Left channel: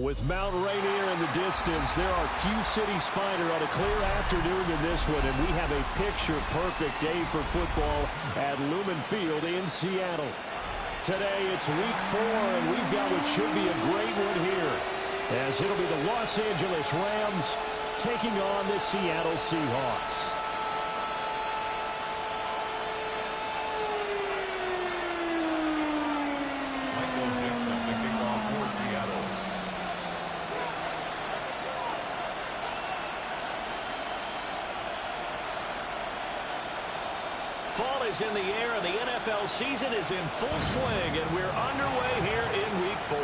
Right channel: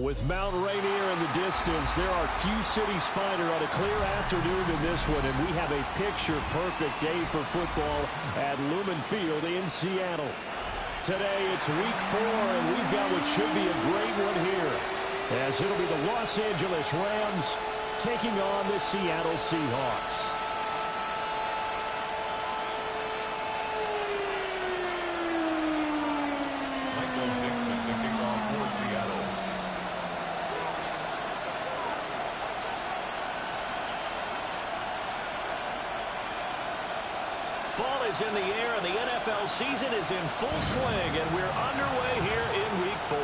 With Mount Rainier in the distance, there are few cities finer on a clear afternoon than this one, and we have a picture-perfect day for football at Lumen Field in Seattle. Today, it's week 4, and we've got what should be a great one here, as it'll be the Los Angeles Rams taking on the Seattle Seahawks. Fall is in the air, and the NFL season is in full swing, and we're underway here in Week 4.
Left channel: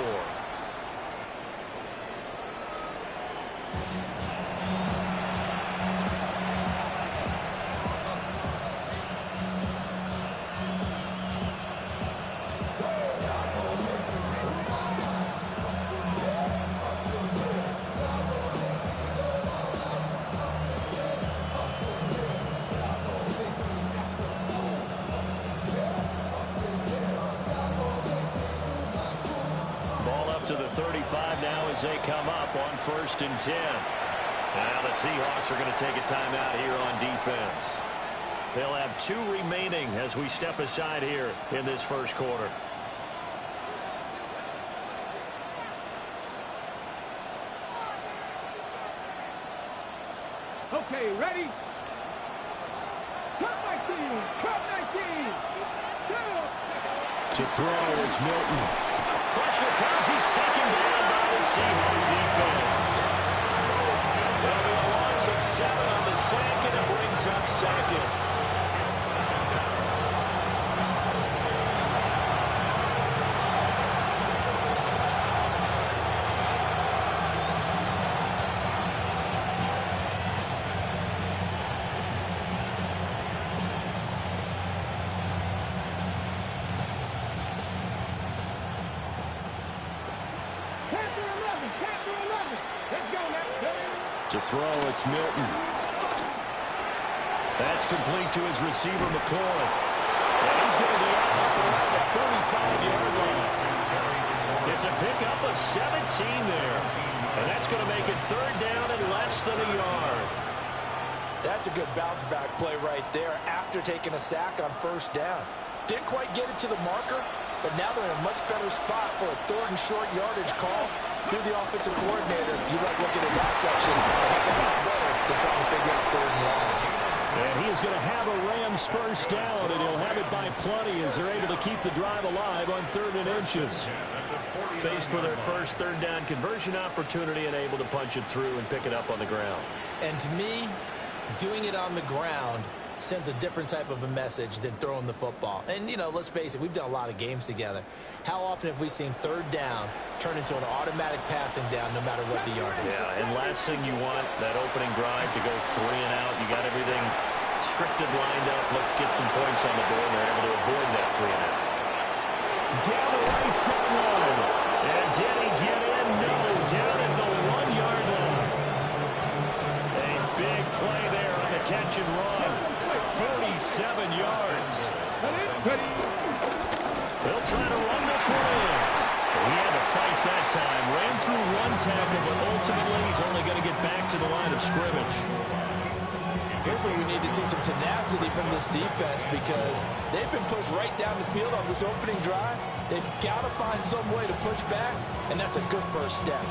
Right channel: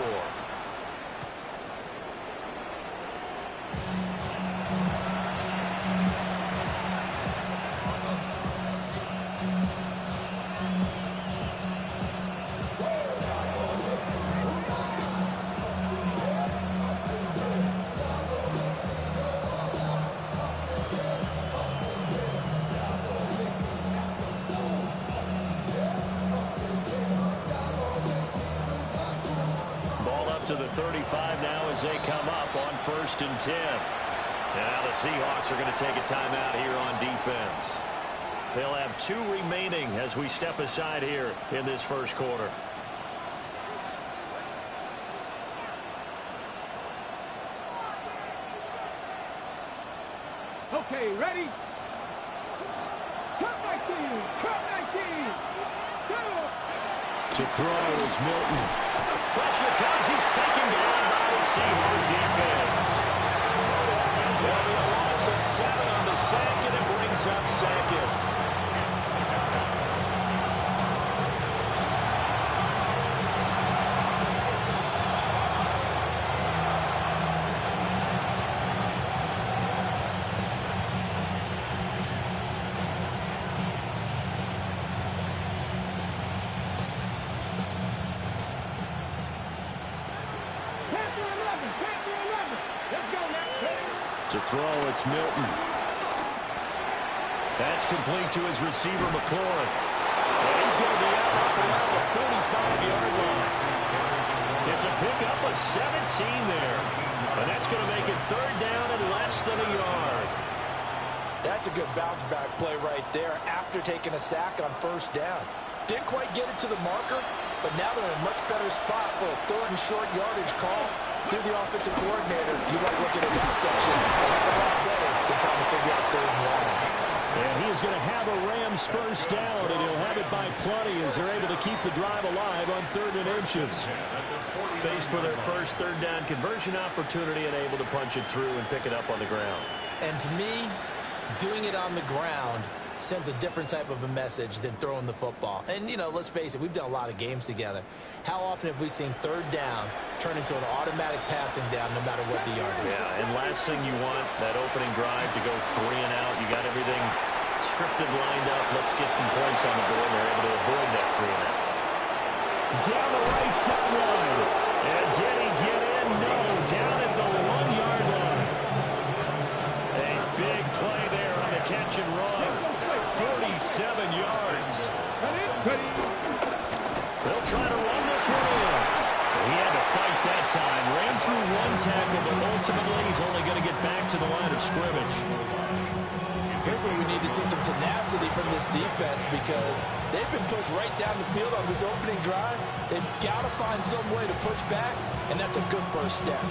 To the 35 now as they come up on 1st and 10. And now the Seahawks are going to take a timeout here on defense. They'll have 2 remaining as we step aside here in this first quarter. Okay, ready? Cut 19! Cut 19! To throw is Milton. Pressure comes. He's taken down by the Seahawks defense. There'll be a loss of 7 on the sack, and it brings up 2nd. To throw, it's Milton. That's complete to his receiver, McLaurin. And he's going to be out up around the 45-yard line. It's a pickup of 17 there. And that's going to make it 3rd down and less than a yard. That's a good bounce-back play right there after taking a sack on 1st down. Didn't quite get it to the marker, but now they're in a much better spot for a 3rd and short yardage call. Through the offensive coordinator, you like looking at that section a heck of a lot better than trying to figure out 3rd and long. And he is going to have a Rams 1st down, and he'll have it by plenty as they're able to keep the drive alive on 3rd and inches. Faced with their first 3rd down conversion opportunity and able to punch it through and pick it up on the ground. And to me, doing it on the ground sends a different type of a message than throwing the football. And, you know, let's face it, we've done a lot of games together. How often have we seen 3rd down turn into an automatic passing down no matter what the yardage? Yeah, and last thing you want, that opening drive to go 3 and out. You got everything scripted, lined up. Let's get some points on the board, and they're able to avoid that 3 and out. Down the right sideline. And did he get in? No, down at the 1-yard line. A big play there on the catch and run. 47 yards. They'll try to run this one in. He had to fight that time. Ran through 1 tackle, but ultimately he's only going to get back to the line of scrimmage. Here's where we need to see some tenacity from this defense because they've been pushed right down the field on this opening drive. They've got to find some way to push back, and that's a good first step.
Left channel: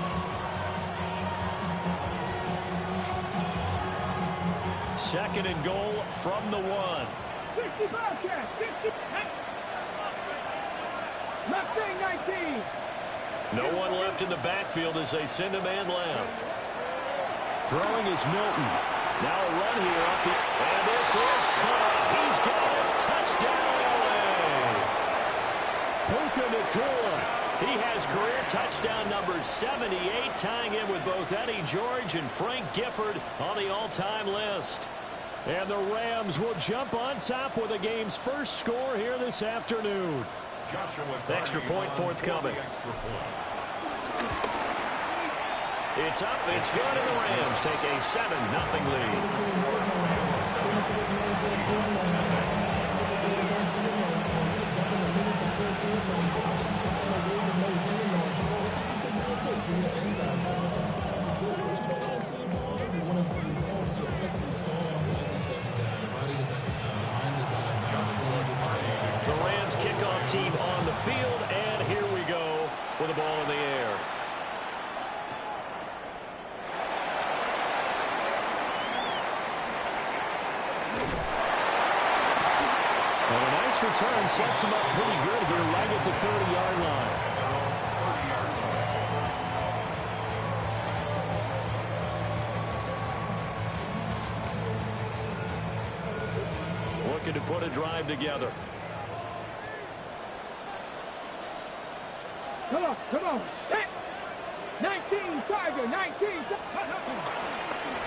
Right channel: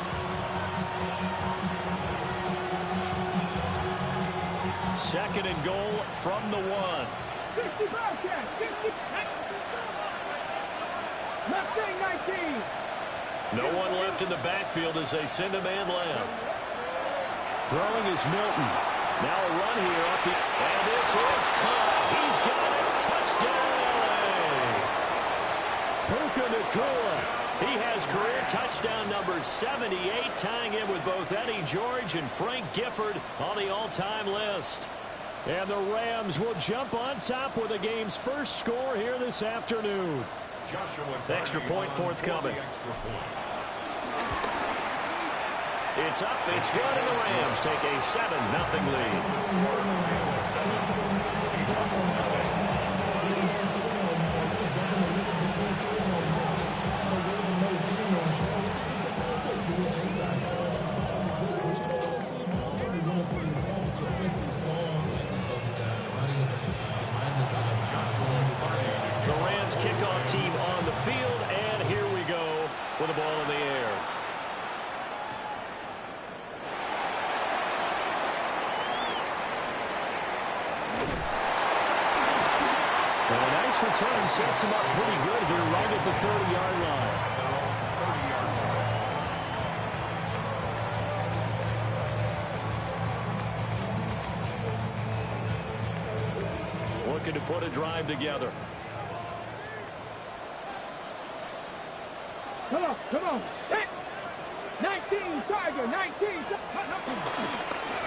Second and goal from the 1. 60 Bobcats, 60. Mustang 19. No one left in the backfield as they send a man left. Throwing is Milton. Now a run here off the... And this is caught. He's got it. Touchdown, L.A. Puka Nacua. He has career touchdown number 78, tying in with both Eddie George and Frank Gifford on the all-time list. And the Rams will jump on top with the game's first score here this afternoon. Extra point forthcoming. It's up, it's good, and the Rams take a 7-0 lead. Rams kickoff team on the field, and here we go with the ball in the air. And a nice return sets him up pretty good here right at the 30-yard line. Looking to put a drive together. Come on. Set. 19, Tiger, 19.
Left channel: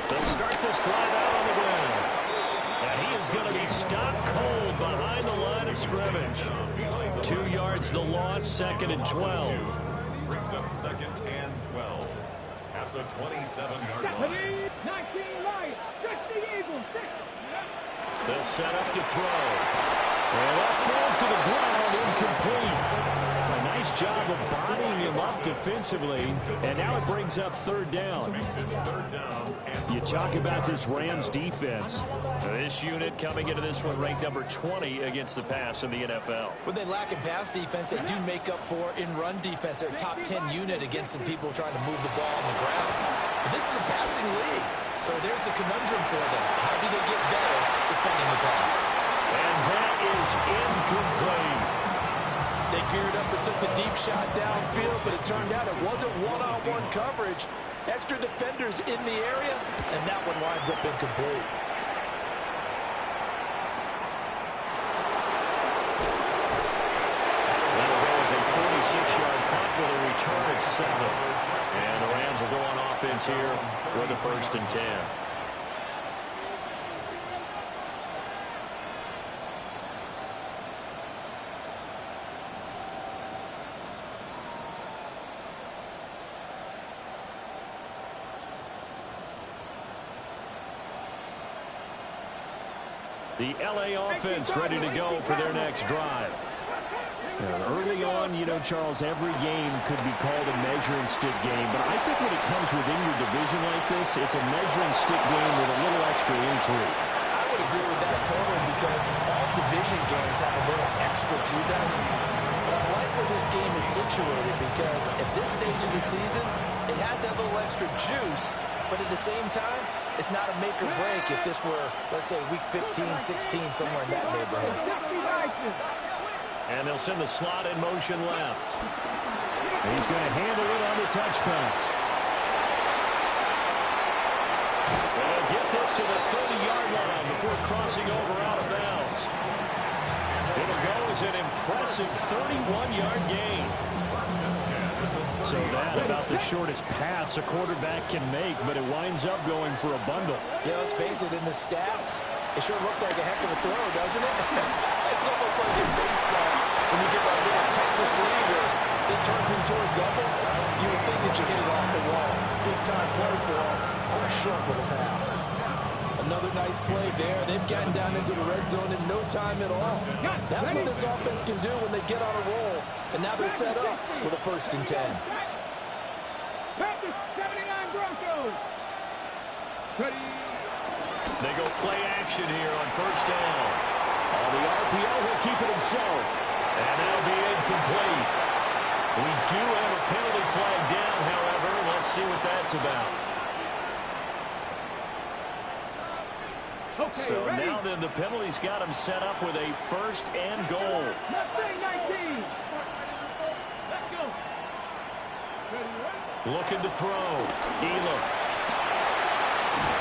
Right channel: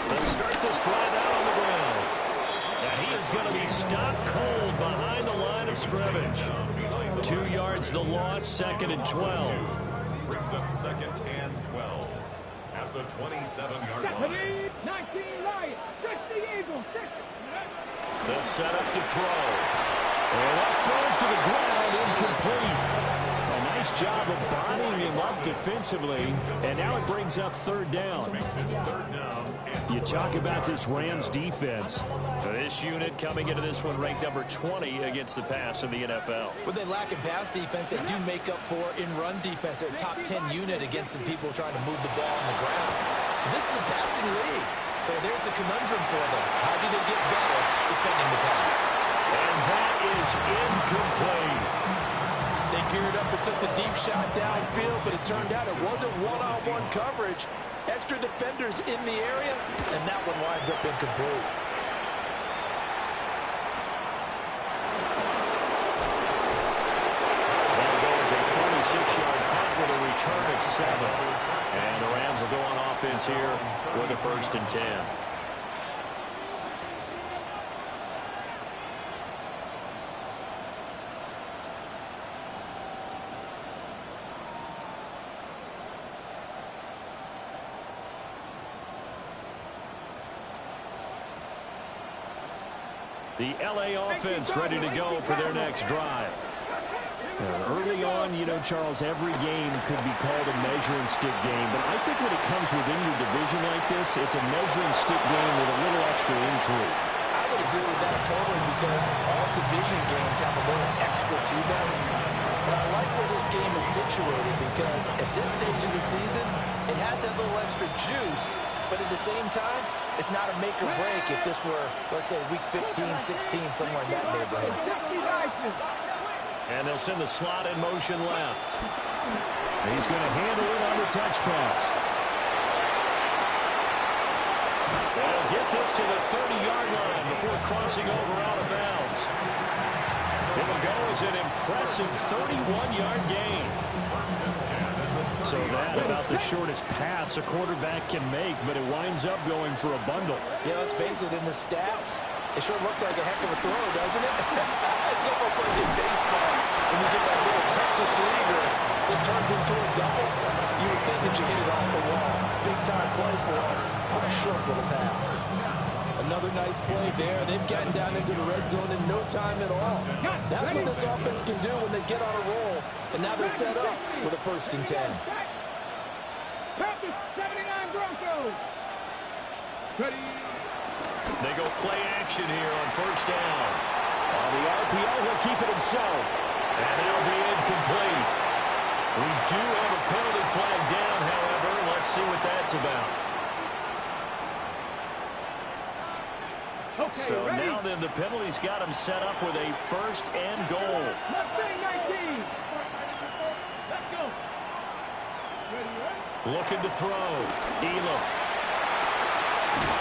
They'll start this drive out on the ground. And he is going to be stopped cold behind the line of scrimmage. 2 yards the loss, 2nd and 12. Brings up 2nd and 12 at the 27-yard line. 19 Lions, 60 Eagles, 6. They'll set up to throw. And that falls to the ground, incomplete. A nice job of bodying him up defensively, and now it brings up 3rd down. You talk about this Rams defense. This unit coming into this one ranked number 20 against the pass in the NFL. When they lack in pass defense, they do make up for in run defense. They're a top 10 unit against the people trying to move the ball on the ground. But this is a passing league, so there's a conundrum for them. How do they get better defending the pass? And that is incomplete. They geared up and took the deep shot downfield, but it turned out it wasn't one-on-one coverage. Extra defenders in the area, and that one winds up incomplete. That'll go as a 46-yard punt with a return of 7. And the Rams will go on offense here with a 1st and 10. The L.A. offense ready to go for their next drive. Early on, you know, Charles, every game could be called a measuring stick game. But I think when it comes within your division like this, it's a measuring stick game with a little extra intrigue. I would agree with that totally because all division games have a little extra to them. But I like where this game is situated because at this stage of the season, it has that little extra juice. But at the same time, it's not a make or break if this were, let's say, week 15, 16, somewhere in that neighborhood. And they'll send the slot in motion left. He's going to handle it on the touch pass. They'll get this to the 30-yard line before crossing over out of bounds. It'll go as an impressive 31-yard gain. So that about the shortest pass a quarterback can make, but it winds up going for a bundle. Yeah, let's face it, in the stats, it sure looks like a heck of a throw, doesn't it? It's almost like in baseball, when you get that little Texas leaguer, it turns into a double. You would think that you hit it off the wall. Big-time play for him on a short little pass. Another nice play there. They've gotten down into the red zone in no time at all. That's what this offense can do when they get on a roll. And now they're set up with a 1st and 10. Panthers, 79 Broncos. Ready. They go play action here on 1st down. On the RPO, he'll keep it himself. And that'll be incomplete. We do have a penalty flag down, however. Let's see what that's about. Okay, So ready. now then the penalty's got him set up with a 1st and goal. Mustang 19. Let's go. Ready. Looking to throw. Elam.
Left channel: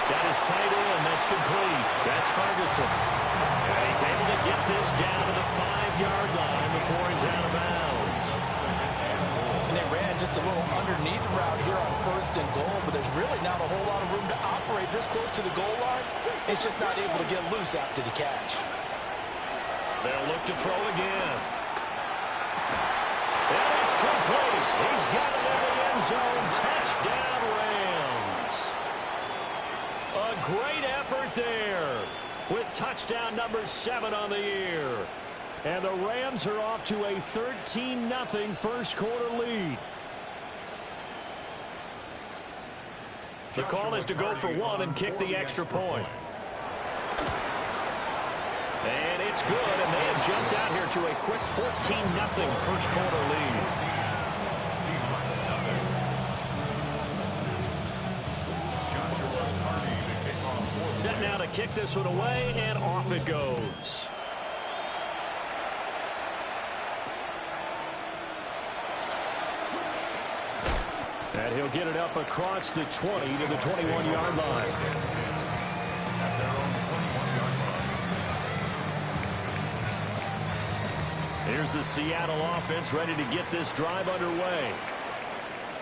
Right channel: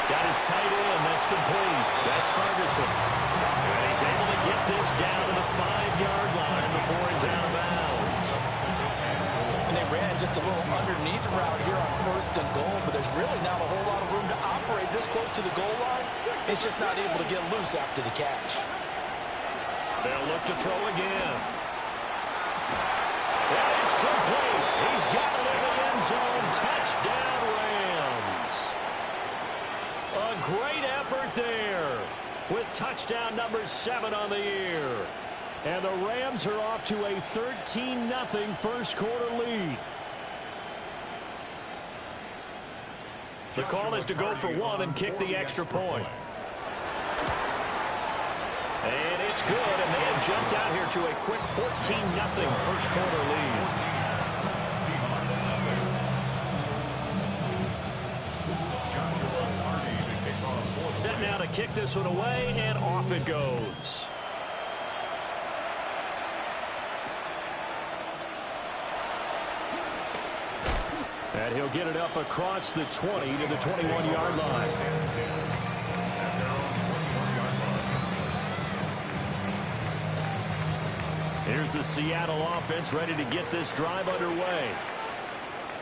Got his tight end. That's complete. That's Ferguson. And he's able to get this down to the 5-yard line before he's out of bounds. And they ran just a little underneath route here on 1st and goal, but there's really not a whole lot of room to operate this close to the goal line. It's just not able to get loose after the catch. They'll look to throw again. And it's complete. He's got it in the end zone. Touchdown, Rams. A great effort there with touchdown number 7 on the year. And the Rams are off to a 13-0 first quarter lead. The call is to go for 1 and kick the extra point. And it's It's good, and they have jumped out here to a quick 14-0 first quarter lead. Seahawks nothing. Joshua Carney to kick off. Set now to kick this one away, and off it goes. And he'll get it up across the 20 to the 21-yard line. At their own 21-yard line. Here's the Seattle offense ready to get this drive underway.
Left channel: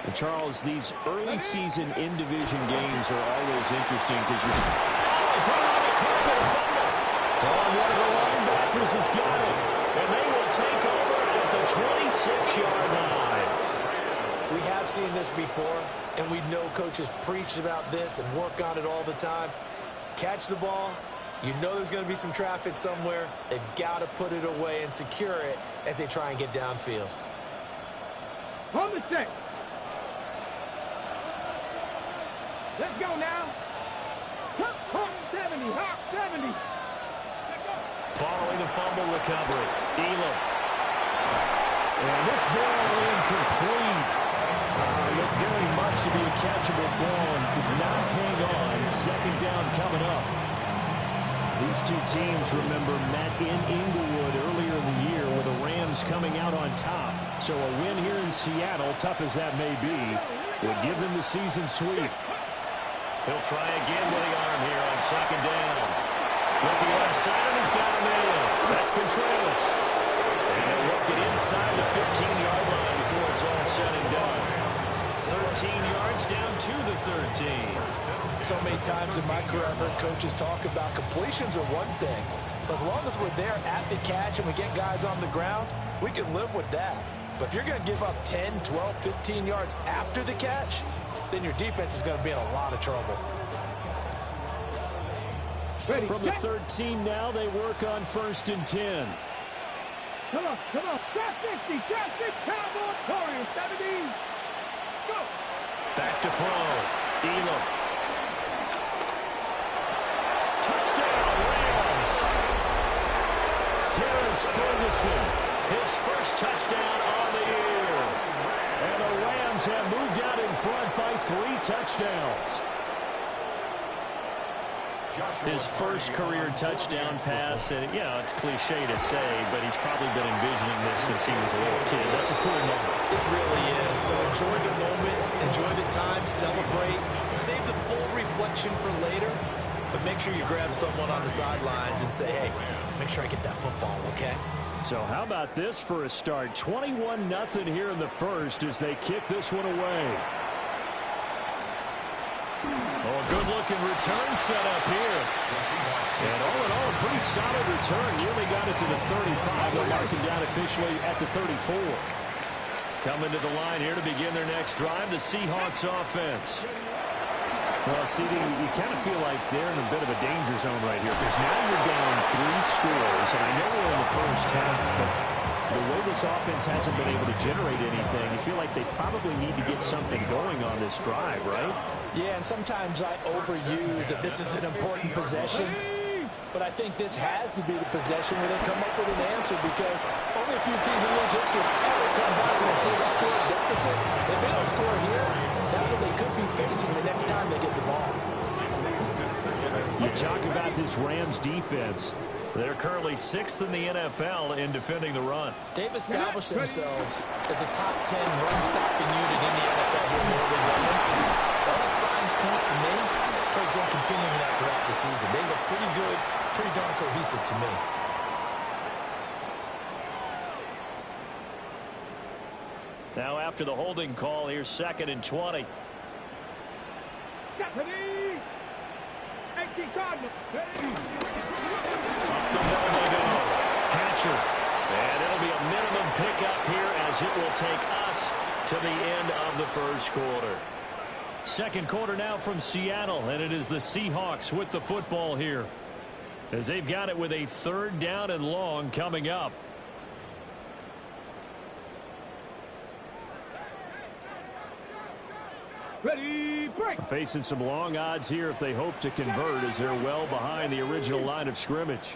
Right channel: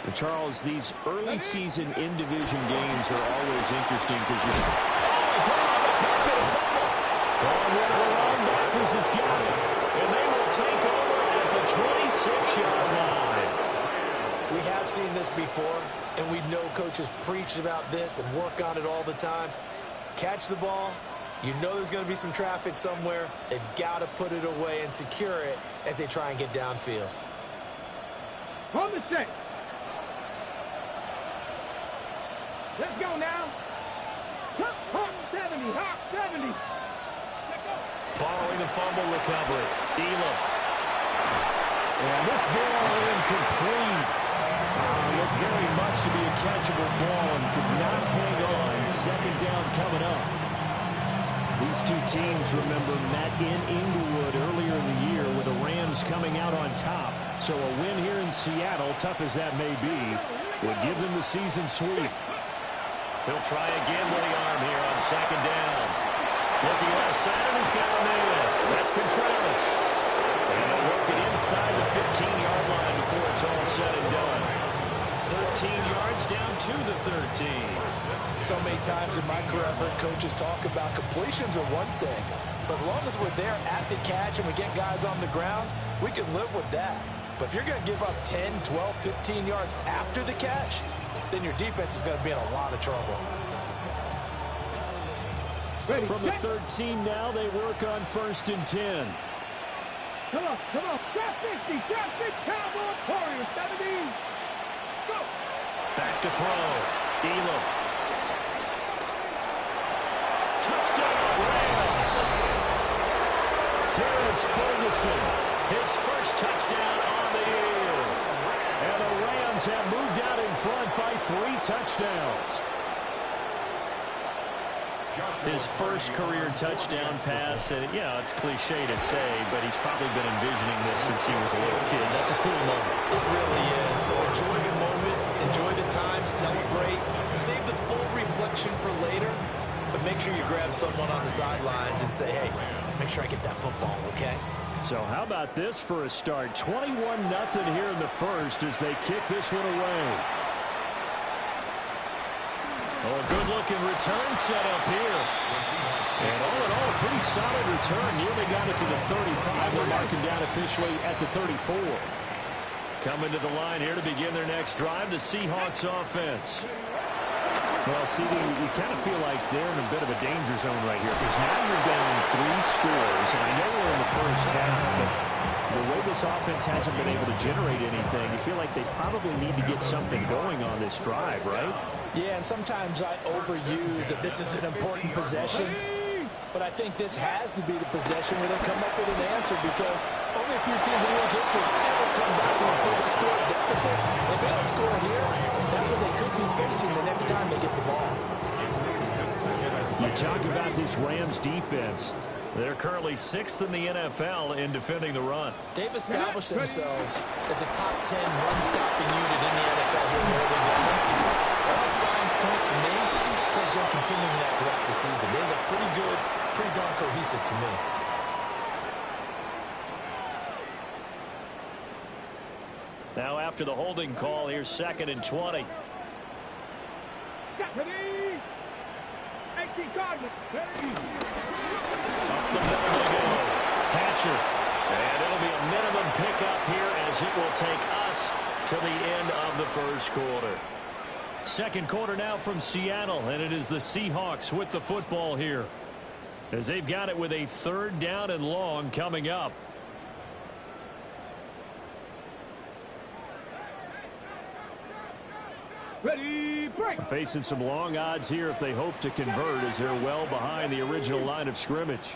And Charles, these early season in-division games are always interesting because you're... Oh, he put it on the carpet, a fumble. Oh, one of the linebackers has got it. And they will take over at the 26-yard line. We have seen this before, and we know coaches preach about this and work on it all the time. Catch the ball. You know there's going to be some traffic somewhere. They've got to put it away and secure it as they try and get downfield. On the set. Let's go now. Hawk 70, Hawk 70. Let's go. Following the fumble recovery, Elam. And this ball incomplete. Looked very much to be a catchable ball and could not hang on. Second down coming up. These two teams, remember, met in Inglewood earlier in the year with the Rams coming out on top. So a win here in Seattle, tough as that may be, would give them the season sweep. He'll try again with the arm here on second down. Looking left side, and he's got him in. That's Contreras. And he'll work it inside the 15-yard line before it's all said and done. 13 yards down to the 13. So many times in my career, I've heard coaches talk about completions are one thing. But as long as we're there at the catch and we get guys on the ground, we can live with that. But if you're going to give up 10, 12, 15 yards after the catch, then your defense is going to be in a lot of trouble. Ready. From the 13 now, they work on 1st and 10. Come on, come on. Trap 60, Cowboys, Warriors, 70. Go. Back to throw. Elam. Touchdown, Rams. Terrence Ferguson. His first touchdown on the year. And the Rams have moved out in front by 3 touchdowns. His first career touchdown pass, and it's cliche to say, but he's probably been envisioning this since he was a little kid. That's a cool moment. It really is. So enjoy the moment, enjoy the time, celebrate, save the full reflection for later, but make sure you grab someone on the sidelines and say, hey, make sure I get that football, okay? So how about this for a start? 21-0 here in the first as they kick this one away. Oh, a good-looking return set up here. And all in all, a pretty solid return. Nearly got it to the 35. They'll mark him down officially at the 34. Coming to the line here to begin their next drive, the Seahawks offense. Well, CD, you kind of feel like they're in a bit of a danger zone right here because now you're down 3 scores. And I know we're in the first half, but the way this offense hasn't been able to generate anything, you feel like they probably need to get something going on this drive, right? Yeah, and sometimes I overuse that this is an important possession, but I think this has to be the possession where they come up with an answer because only a few teams in league history ever come back from a 40-score deficit. If they don't score here, that's what they could be facing the next time they get the ball. You talk about this Rams defense. They're currently 6th in the NFL in defending the run. They've established themselves as a top 10 run-stopping unit in the NFL here in the early going. All signs point to me towards them continuing that throughout the season. They look pretty good, pretty darn cohesive to me. Now after the holding call, here's 2nd and 20. Ready. 18 Cardinals. Ready. Up the middle they go. Hatcher. And it'll be a minimum pickup here as it will take us to the end of the first quarter. Second quarter now from Seattle, and it is the Seahawks with the football here as they've got it with a 3rd down and long coming up. Ready, break. Facing some long odds here if they hope to convert as they're well behind the original line of scrimmage.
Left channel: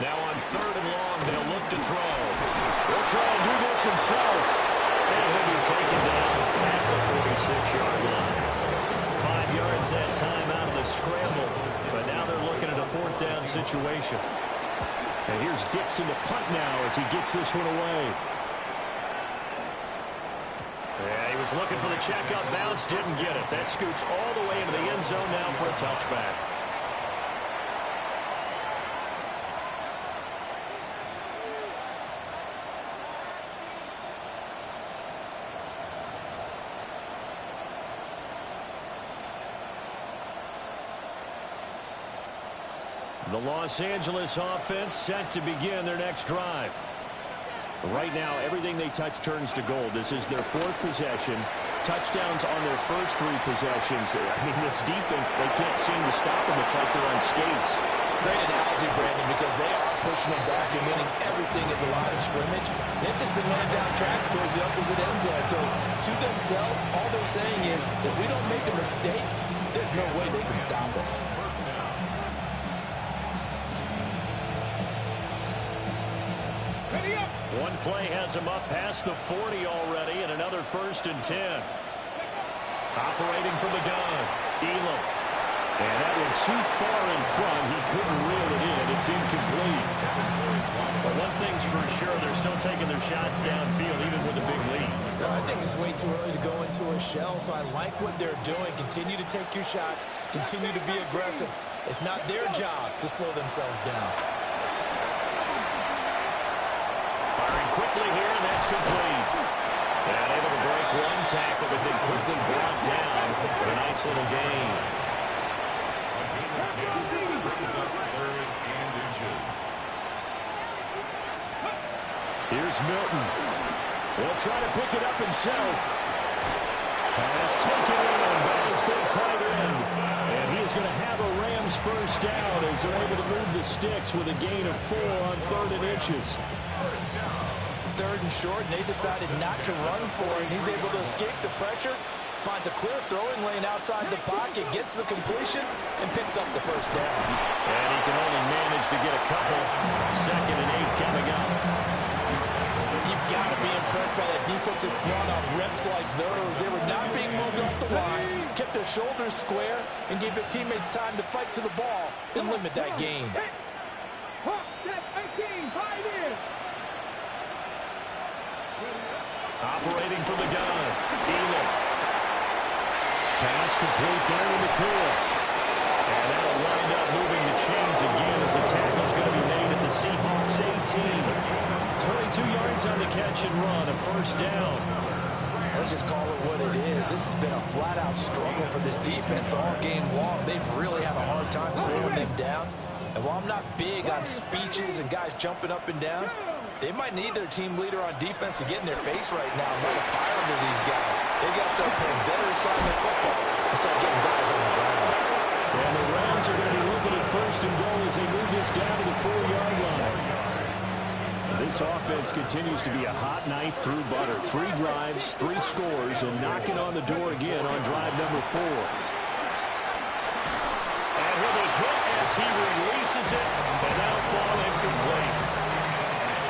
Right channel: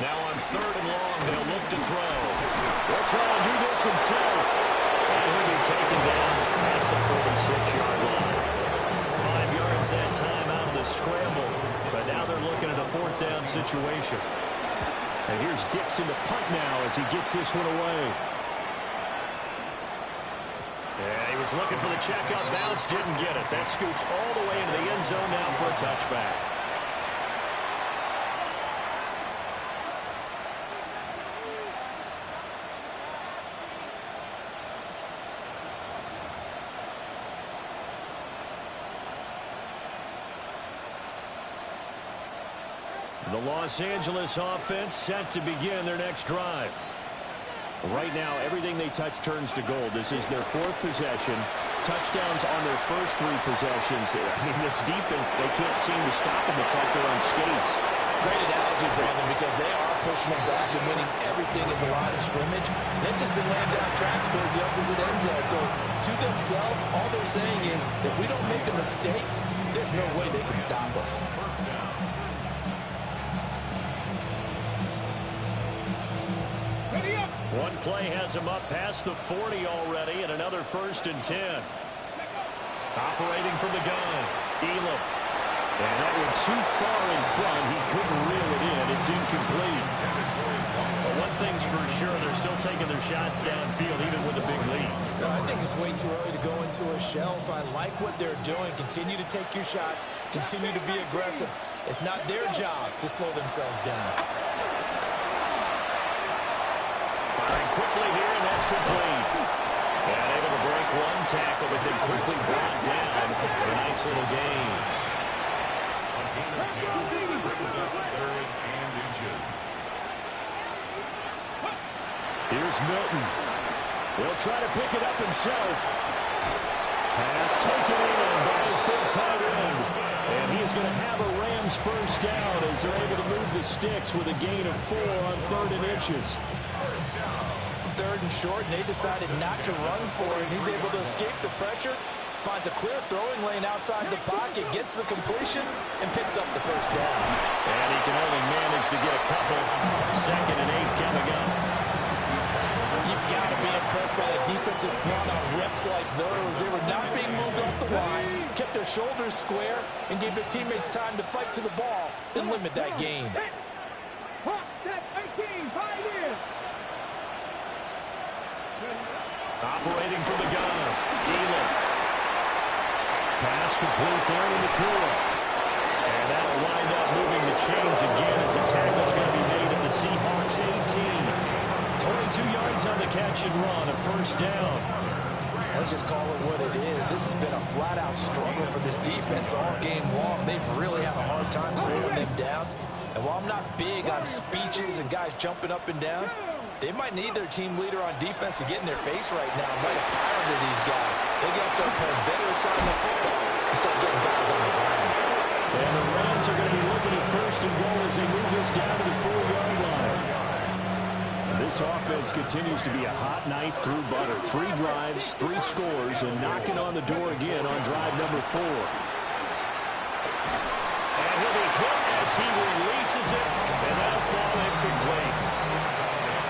Now on 3rd and long, they'll look to throw. He'll try and do this himself. And he'll be taken down at the 46-yard line. 5 yards that time out of the scramble. But now they're looking at a 4th down situation. And here's Dixon to punt now as he gets this one away. Yeah, he was looking for the checkout bounce, didn't get it. That scoots all the way into the end zone now for a touchback. The Los Angeles offense set to begin their next drive. Right now, everything they touch turns to gold. This is their 4th possession. Touchdowns on their first 3 possessions. I mean, this defense, they can't seem to stop them. It's like they're on skates. Great analogy, Brandon, because they are pushing them back and winning everything at the line of scrimmage. They've just been laying down tracks towards the opposite end zone. So, to themselves, all they're saying is, if we don't make a mistake, there's no way they can stop us. First down. Ready up. One play has him up past the 40 already, and another 1st and 10. Operating from the gun, Elam. And that went too far in front. He couldn't reel it in. It's incomplete. But one thing's for sure, they're still taking their shots downfield, even with a big lead. I think it's way too early to go into a shell, so I like what they're doing. Continue to take your shots. Continue to be aggressive. It's not their job to slow themselves down. Firing quickly here, and that's complete. And able to break one tackle, but then quickly brought down for a nice little gain. On gain of 10, brings up 3rd and inches. Here's Milton. He'll try to pick it up himself. Pass taken in by his big tight end. And he is going to have a Rams first down as they're able to move the sticks with a gain of 4 on 3rd and inches. 3rd and short, and they decided not to run for it. He's able to escape the pressure, finds a clear throwing lane outside the pocket, gets the completion, and picks up the first down. And he can only manage to get a couple. 2nd and 8 coming up. You've got to be impressed by that defensive front on reps like those. They were not being moved off the line, kept their shoulders square, and gave their teammates time to fight to the ball and limit that gain. Hawk, step 18, 5 years. Operating from the gun, Elam. Pass complete there to Nakua. And that'll wind up moving the chains again as the tackle's going to be made at the Seahawks 18. 22 yards on the catch and run, a first down. Let's just call it what it is. This has been a flat-out struggle for this defense all game long. They've really had a hard time slowing them down. And while I'm not big on speeches and guys jumping up and down, they might need their team leader on defense to get in their face right now and light a fire under these guys. They got to start playing better assignment football and start getting guys on the ground. And the Rams are going to be looking at 1st and goal as they move this down to the 4-yard line. This offense continues to be a hot knife through butter. 3 drives, 3 scores, and knocking on the door again on drive number 4. And he'll be hit as he releases it, and that'll fall incomplete.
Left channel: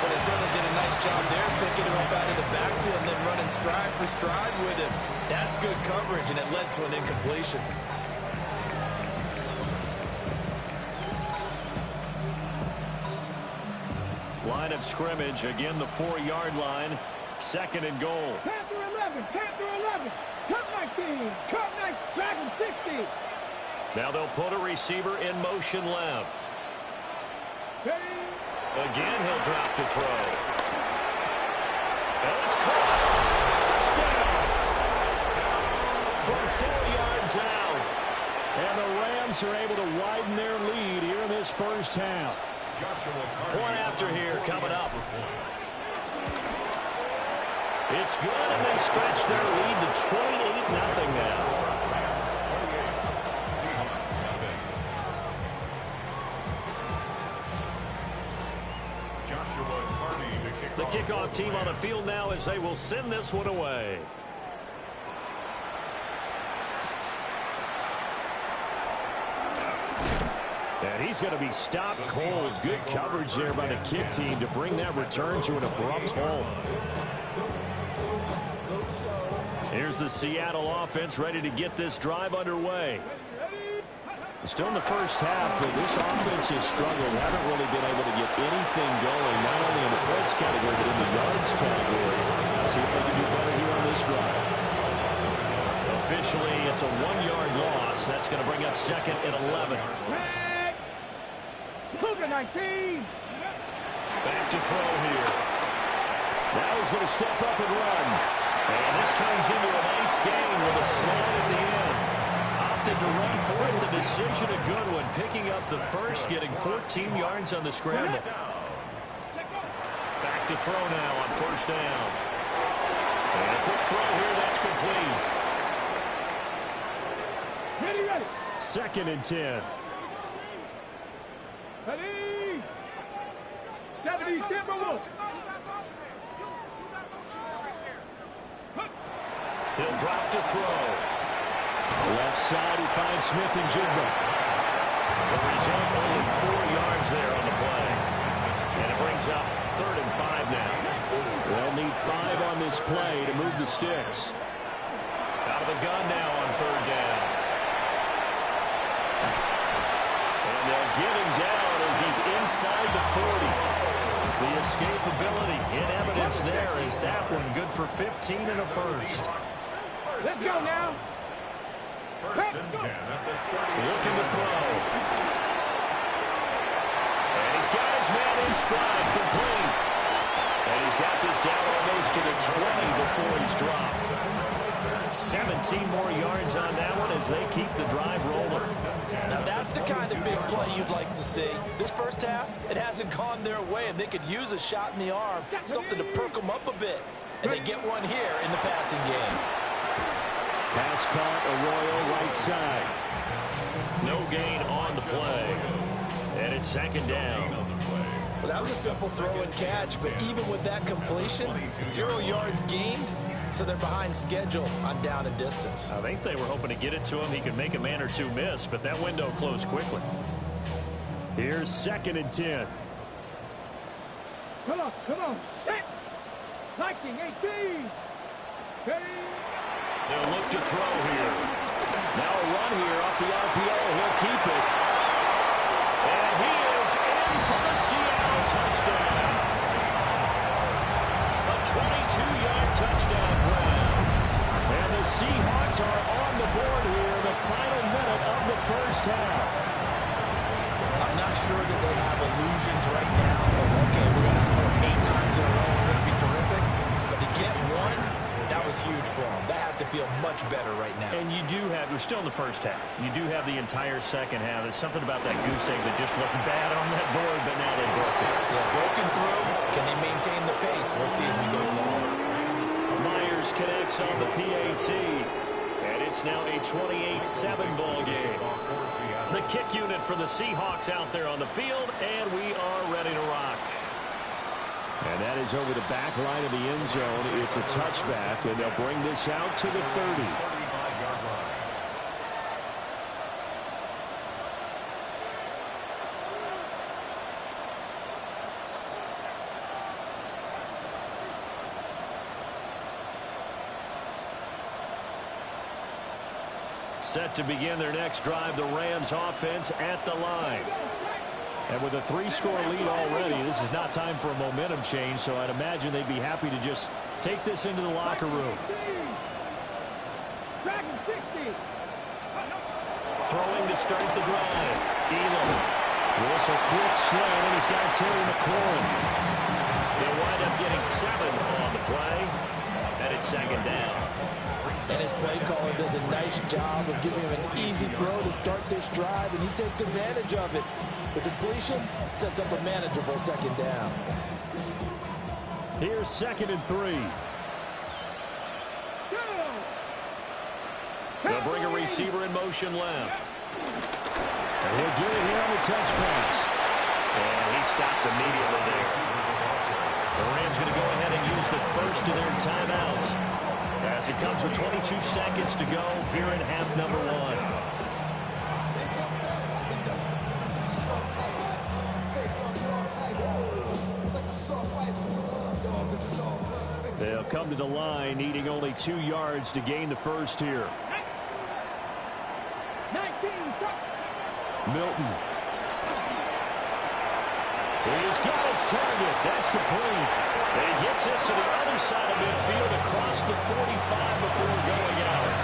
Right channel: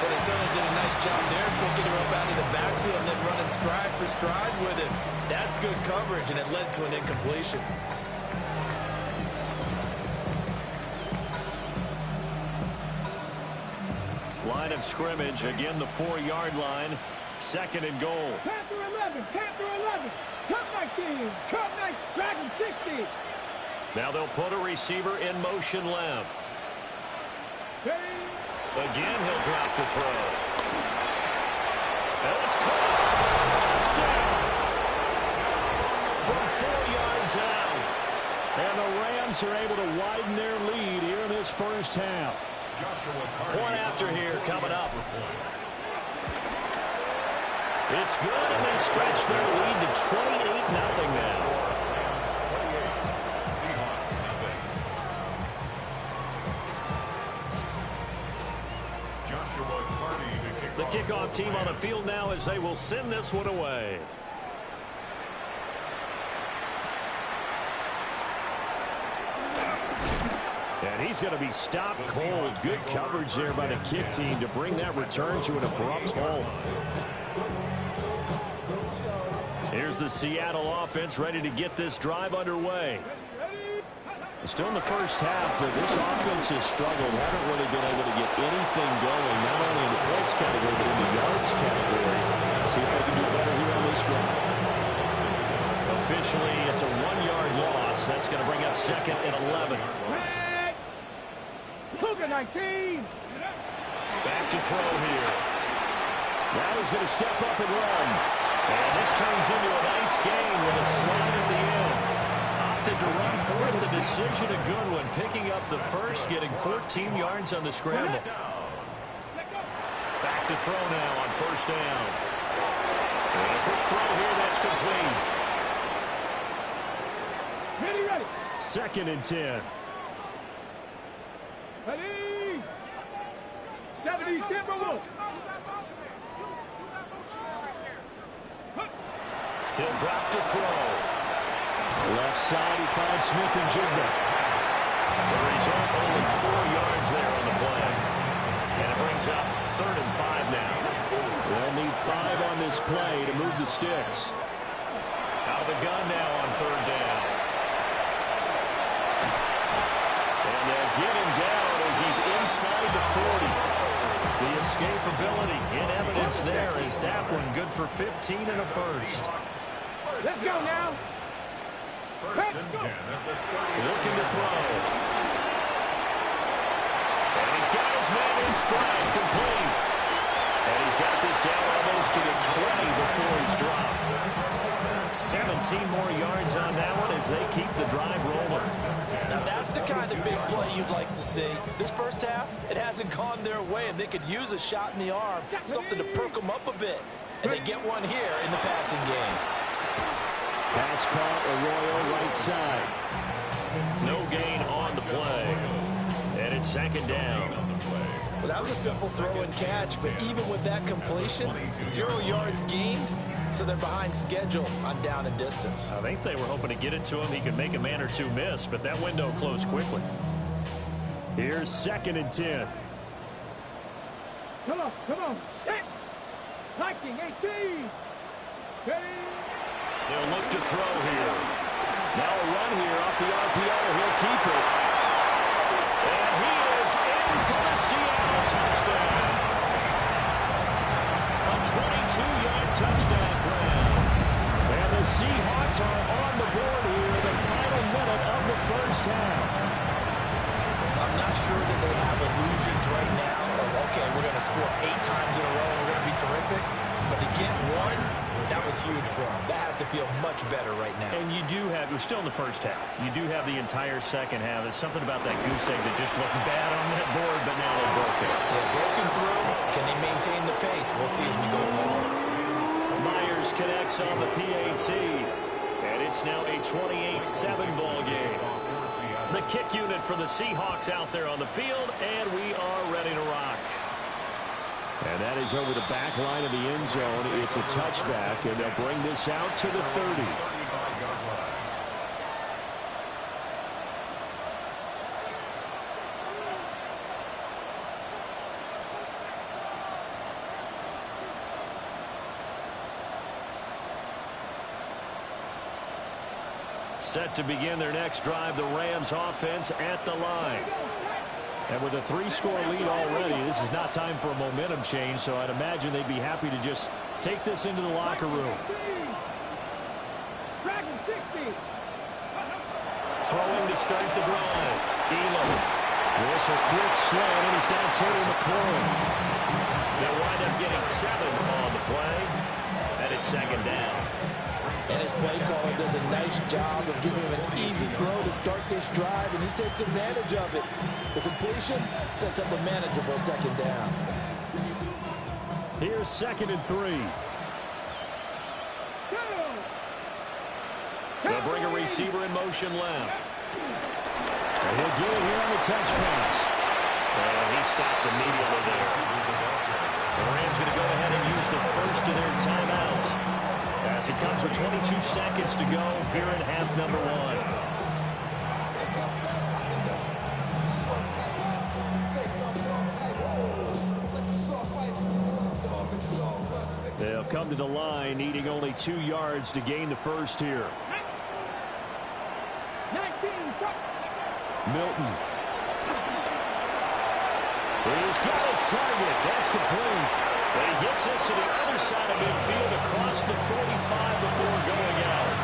But they certainly did a nice job there, picking him up out of the backfield and then running stride for stride with him. That's good coverage, and it led to an incompletion. Line of scrimmage, again the 4-yard line, 2nd and goal. Panther 11, Panther 11. Come 19, come 9, Dragon 60. Now they'll put a receiver in motion left. Again, he'll drop to throw. And it's caught. Touchdown. From 4 yards out. And the Rams are able to widen their lead here in this first half. Point after here coming up. It's good, and they stretch their lead to 28-0 now. The kickoff team on the field now as they will send this one away. And he's going to be stopped cold. Good coverage there by the kick team to bring that return to an abrupt halt. Here's the Seattle offense ready to get this drive underway. Still in the first half, but this offense has struggled. Haven't really been able to get anything going, not only in the points category, but in the yards category. See if they can do better here on this drive. Officially, it's a 1-yard loss. That's going to bring up 2nd and 11. Cougar 19. Back to throw here. Now he's going to step up and run. And this turns into a nice gain with a slide at the end. Opted to run for it. The decision a good one. Picking up the first, getting 14 yards on the scramble. Back to throw now on 1st down. And a quick throw here. That's complete. Ready. 2nd and 10. Ready. 70 Timberwolves. He'll drop to throw. Left side, he finds Smith and Jigba. The result, only 4 yards there on the play. And it brings up 3rd and 5 now. They'll need 5 on this play to move the sticks. Out of the gun now on 3rd down. And they'll get him down as he's inside the 40. The escapability in evidence there is that one good for 15 and a first. Let's go now. First and 10 at the 30. Looking to throw. And he's got his man in stride, complete. And he's got this down almost to the 20 before he's dropped. 17 more yards on that one as they keep the drive rolling. Now that's the kind of big play you'd like to see. This first half, it hasn't gone their way, and they could use a shot in the arm, something to perk them up a bit. And they get one here in the passing game. Pass caught, Arroyo right side. No gain on the play. And it's 2nd down. Well, that was a simple throw and catch, but even with that completion, 0 yards gained, so they're behind schedule on down and distance. I think they were hoping to get it to him. He could make a man or two miss, but that window closed quickly. Here's 2nd and 10. Come on. Set. Liking 18. Ready. They'll look to throw here. Now a run here off the RPO. He'll keep it. And he is in for the Seattle touchdown. A 22-yard touchdown grab. And the Seahawks are on the board here, the final minute of the first half. I'm not sure that they have illusions right now of, okay, we're going to score 8 times in a row, we're going to be terrific. But to get one, that was huge for them. That has to feel much better right now. And we're still in the first half. You do have the entire second half. There's something about that goose egg that just looked bad on that board, but now they broke it. Yeah, broken through. Can they maintain the pace? We'll see as we go along. Myers connects on the PAT. And it's now a 28-7 ball game. The kick unit for the Seahawks out there on the field, and we are ready to rock. And that is over the back line of the end zone. It's a touchback, and they'll bring this out to the 30. Set to begin their next drive, the Rams offense at the line. And with a 3-score lead already, this is not time for a momentum change, so I'd imagine they'd be happy to just take this into the locker room. Throwing to start the drive. Elam. This a quick slant, and he's got Terry McLaurin. They'll wind up getting 7 on the play, and it's 2nd down. And his play caller does a nice job of giving him an easy throw to start this drive, and he takes advantage of it. The completion sets up a manageable 2nd down. Here's 2nd and 3. They'll bring a receiver in motion left. And he'll get it here on the touch pass. And he stopped immediately there. The Rams going to go ahead and use the first of their timeouts, as it comes with 22 seconds to go here in half number 1. They'll come to the line, needing only 2 yards to gain the first here. 19, Milton. He's got his target. That's complete. And he gets this to the other side of midfield across the 45 before going out.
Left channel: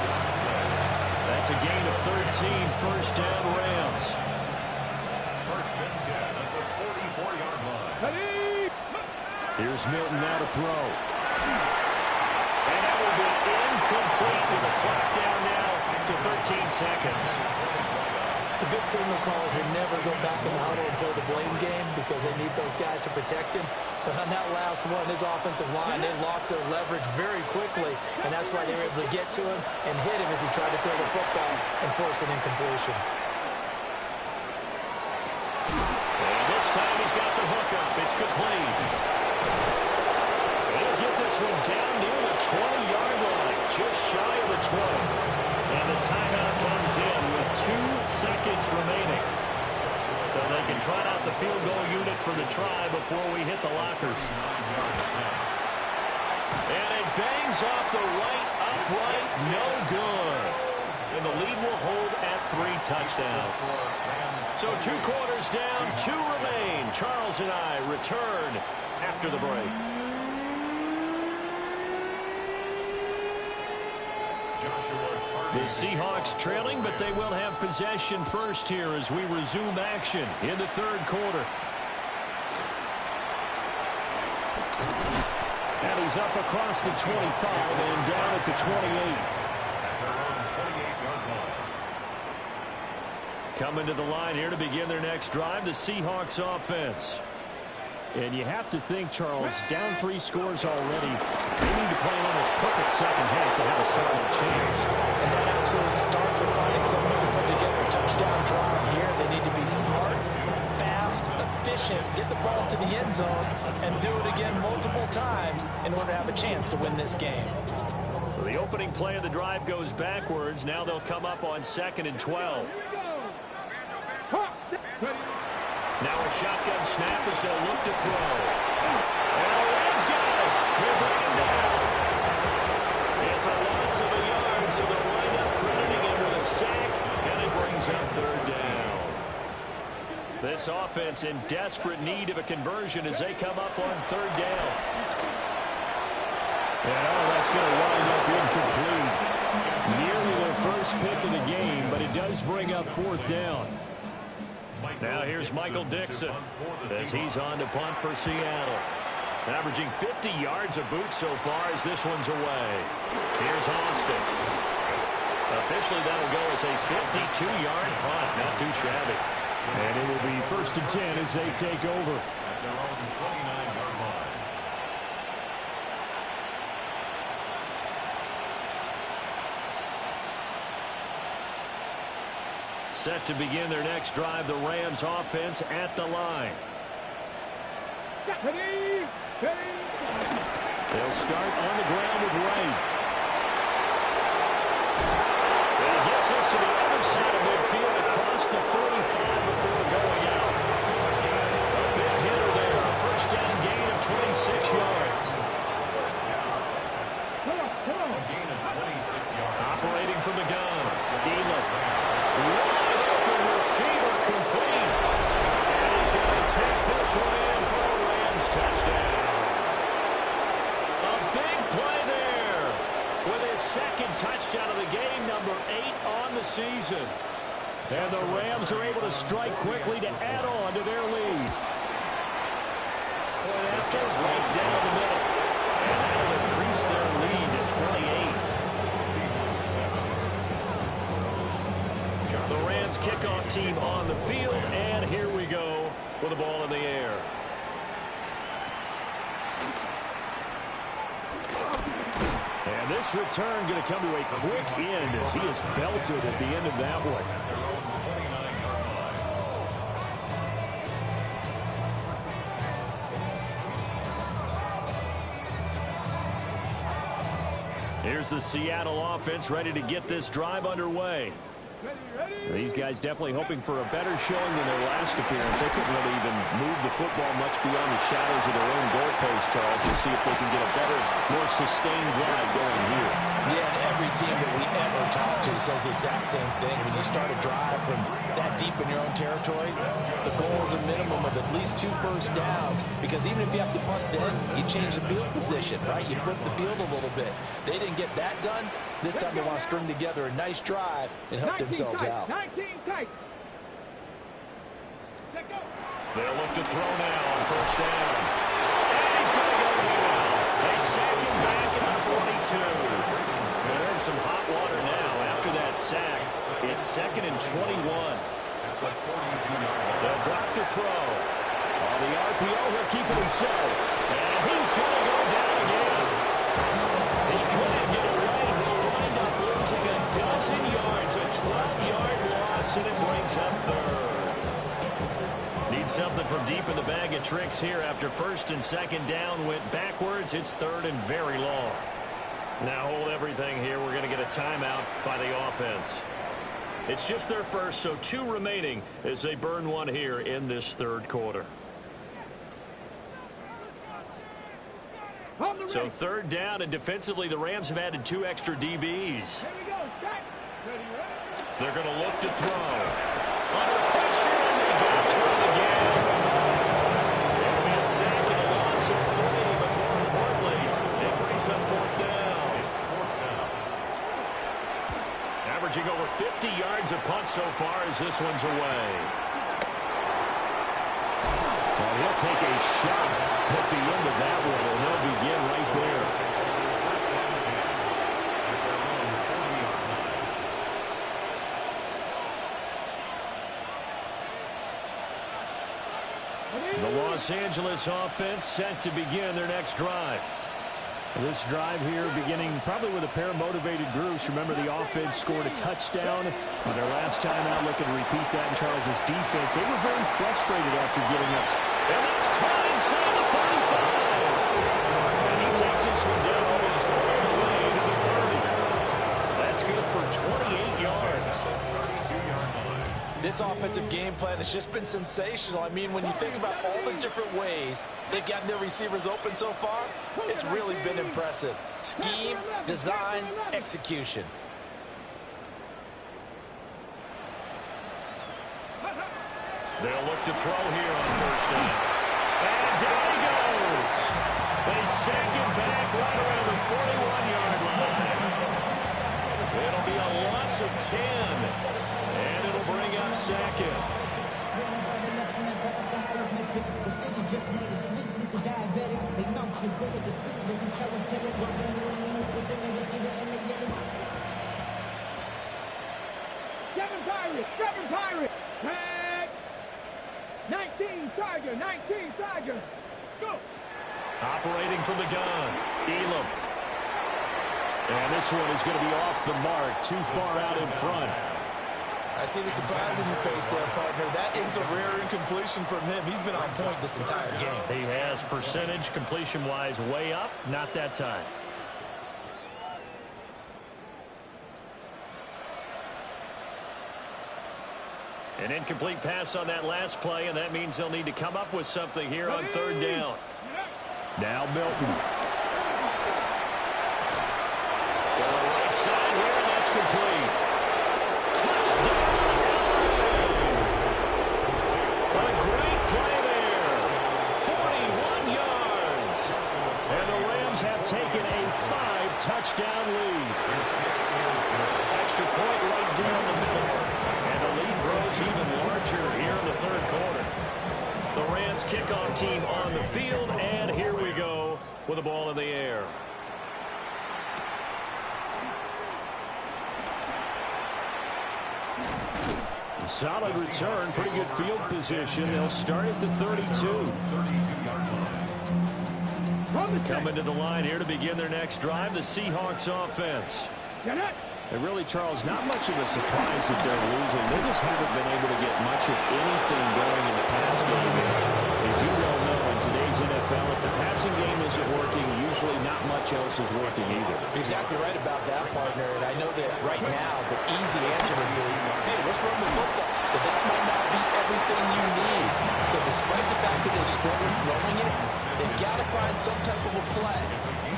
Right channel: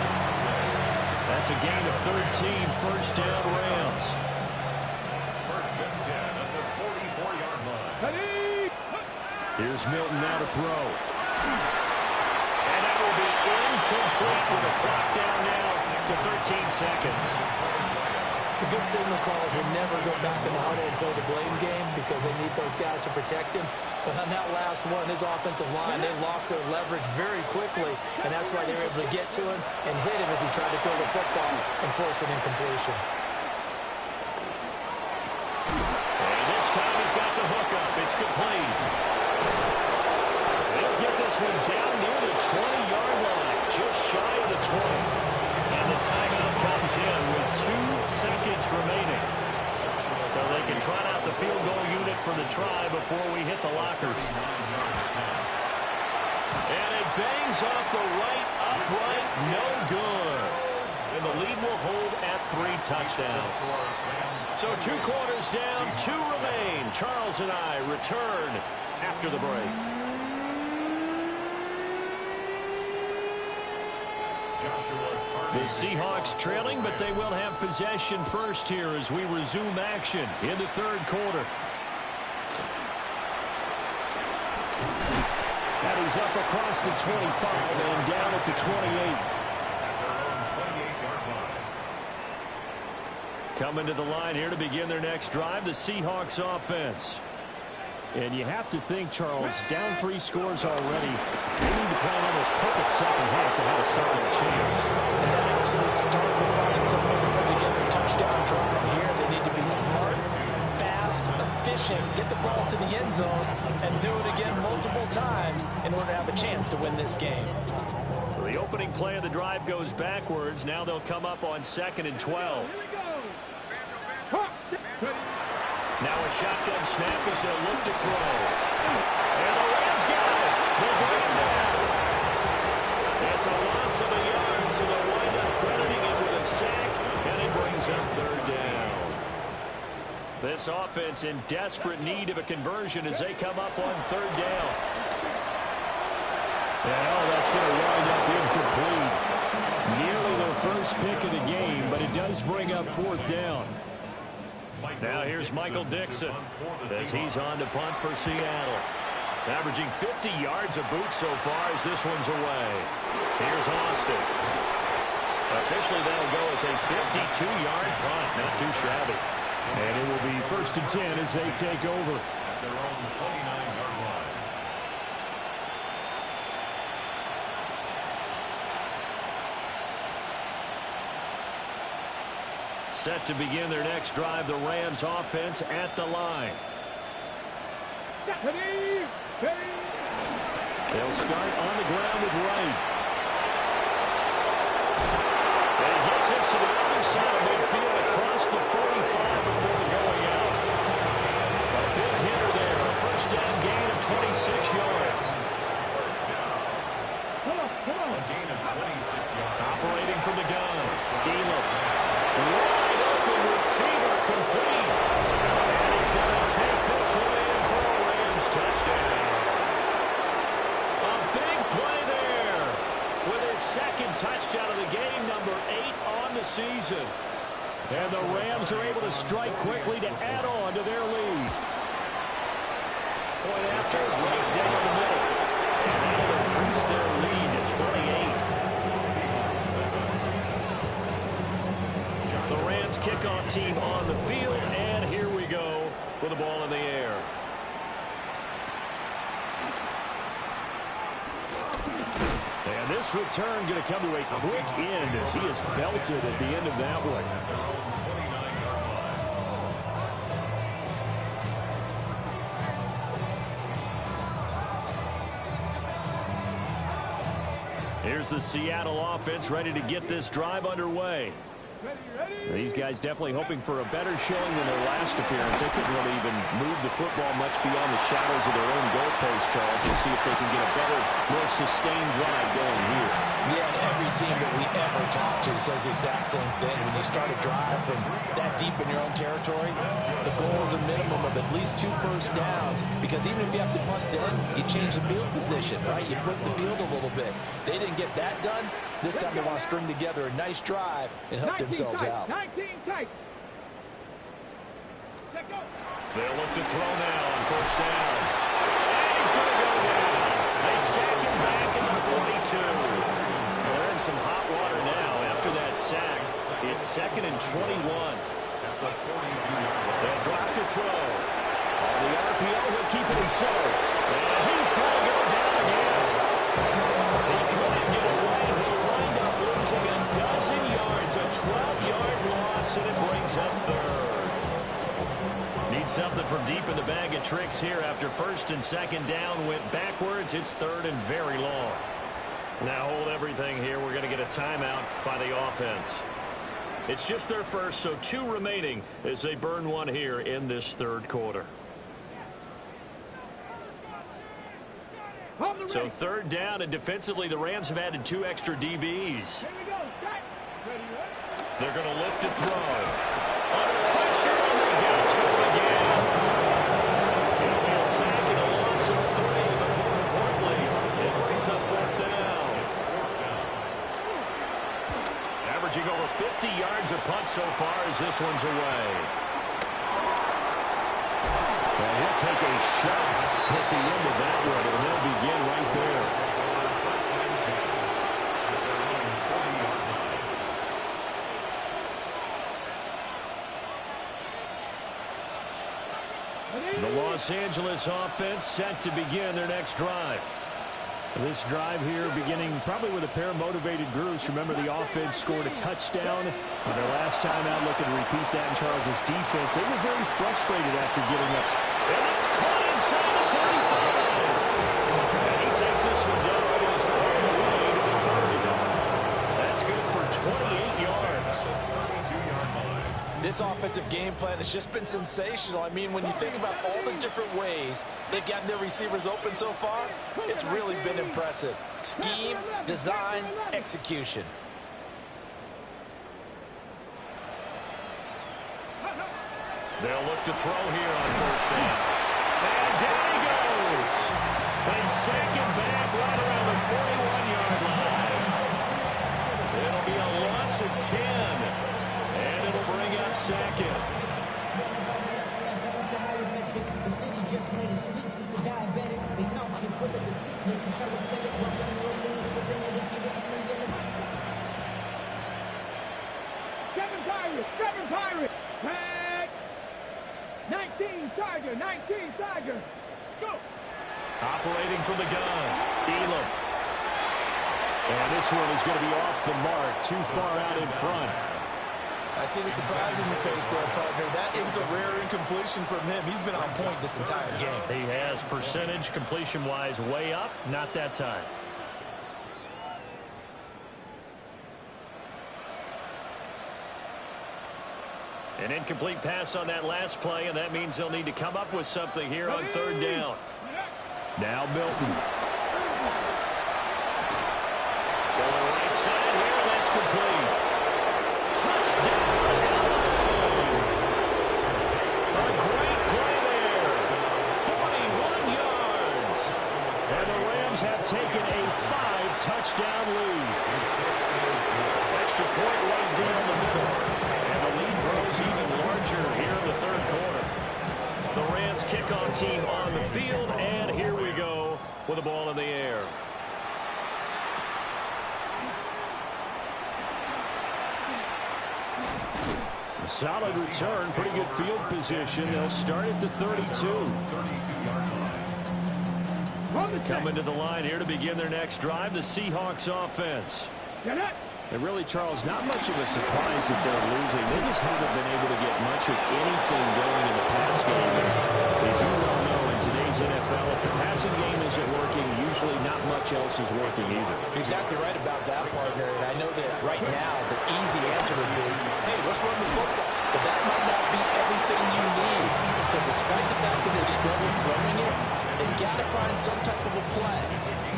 That's a gain of 13, first down Rams. First and 10 at the 44-yard line. ready. Here's Milton now to throw. And that will be incomplete with the clock down now to 13 seconds. The good signal callers will never go back in the huddle and play the blame game because they need those guys to protect him. But on that last one, his offensive line, they lost their leverage very quickly, and that's why they were able to get to him and hit him as he tried to throw the football and force an incompletion. And this time he's got the hook up. It's complete. He'll get this one down near the 20-yard line, just shy of the 20. And the timeout comes in with 2 seconds remaining. So they can trot out the field goal unit for the try before we hit the lockers. And it bangs off the right upright. No good. And the lead will hold at 3 touchdowns. So 2 quarters down, 2 remain. Charles and I return after the break. The Seahawks trailing, but they will have possession first here as we resume action in the third quarter. And he's up across the 25 and down at the 28. At their own 28-yard line. Coming to the line here to begin their next drive, the Seahawks offense. And you have to think, Charles, down 3 scores already. They need to play an almost perfect second half to have a solid chance. And that absolutely starts with finding some way to put together a touchdown drive here. They need to be smart, fast, efficient, get the ball to the end zone, and do it again multiple times in order to have a chance to win this game. So the opening play of the drive goes backwards. Now they'll come up on 2nd and 12. Here we go. Ready. Now a shotgun snap as they'll look to throw. And the Rams got it. They bring him down. It's a loss of a yard, so they'll wind up crediting him with a sack, and it brings up 3rd down. This offense in desperate need of a conversion as they come up on 3rd down. And that's going to wind up incomplete. Nearly their first pick of the game, but it does bring up 4th down. Now here's Michael Dixon as he's on to punt for Seattle. Averaging 50 yards a boot so far as this one's away. Here's Austin. Officially that'll go as a 52-yard punt. Not too shabby. And it will be 1st and 10 as they take over. At their own 29-yard line. Set to begin their next drive, the Rams offense at the line. Ready. Ready. They'll start on the ground with Wright. And he gets this to the other side of midfield across the 45 before going out. A big hitter there, a first down gain of 26 yards. Come on. A gain of 26 yards. Operating from the gun. Elam. Wide open receiver complete. And he's going to take this one in for a Rams touchdown. A big play there with his 2nd touchdown of the game, number 8 on the season. And the Rams are able to strike quickly to add on to their lead. Point after, right down the middle. And that'll increase their lead to 28. The Rams kickoff team on the field, and here we go with the ball in the air. And this return going to come to a quick end as he is belted at the end of that one. At their own 29-yard line. Here's the Seattle offense ready to get this drive underway. These guys definitely hoping for a better showing than their last appearance. They couldn't really even move the football much beyond the shadows of their own goalpost, Charles. We'll see if they can get a better, more sustained drive going here. Yeah, and every team that we ever talk to says the exact same thing. When you start a drive from that deep in your own territory, the goal is a minimum of at least 2 first downs, because even if you have to punt then, you change the field position, right? You flip the field a little bit. They didn't get that done. This time they want to string together a nice drive and help themselves out. 19 tight. They'll look to throw now on first down. And he's going to go down. They sack him back at the 42. They're in some hot water now after that sack. It's 2nd and 21. At the 42-yard line. They'll drop to throw. On the RPO, he'll keep it himself. And he's going to go down again. He couldn't get away. He'll wind up losing a dozen yards. A 12-yard loss, and it brings up 3rd. Need something from deep in the bag of tricks here after 1st and 2nd down went backwards. It's 3rd and very long. Now hold everything here. We're going to get a timeout by the offense. It's just their first, so 2 remaining as they burn one here in this 3rd quarter. So 3rd down, and defensively the Rams have added 2 extra DBs. They're going to look to throw. Under pressure, and they got to him again. It'll be a sack and a loss of 3, but more importantly, it brings up 4th down. It's 4th down. Averaging over 50 yards a punt so far as this one's away. And he'll take a shot at the end of that one, and they'll begin right there. First and 10 at their own 40-yard line. The Los Angeles offense set to begin their next drive. This drive here beginning probably with a pair of motivated groups. Remember, the offense scored a touchdown on their last time out. Looking to repeat that in Charles's defense. They were very frustrated after giving up. And that's caught inside the 35. And he takes this one down almost all the way to the 30. That's good for 28 yards. 32-yard line. This offensive game plan has just been sensational. I mean, when you think about all the different ways they've gotten their receivers open so far, it's really been impressive. Scheme, design, execution. They'll look to throw here on first down. And down he goes. They sack him back right around the 41-yard line. It'll be a loss of 10. And it'll bring up 2nd. Seven Pirates. Tag. 19 Tiger. 19 Tiger. Let's go. Operating from the gun, Elam. And this one is going to be off the mark, too far out in front. I see the surprise in your face there, partner. That is a rare incompletion from him. He's been on point this entire game. He has percentage completion-wise way up, not that time. An incomplete pass on that last play, and that means they'll need to come up with something here on 3rd down. Now Milton. Going right side here, and that's complete. Touchdown, LA! A great play there. 41 yards. And the Rams have taken a 5-touchdown lead. Extra point right down the middle. And the lead grows even larger here in the 3rd quarter. The Rams kickoff team on the field, and here we go with the ball in the air. Solid return, pretty good field position. They'll start at the 32. Coming to the line here to begin their next drive, the Seahawks offense. And really, Charles, not much of a surprise that they're losing. They just haven't been able to get much of anything going in the pass game. And as you well know, in today's NFL, if the passing game isn't working, usually not much else is working either. You're exactly right about that, partner. And I know that right now the easy answer would be, hey, let's run the football. But that might not be everything you need. So despite the fact that they've struggled throwing it, they've got to find some type of a play,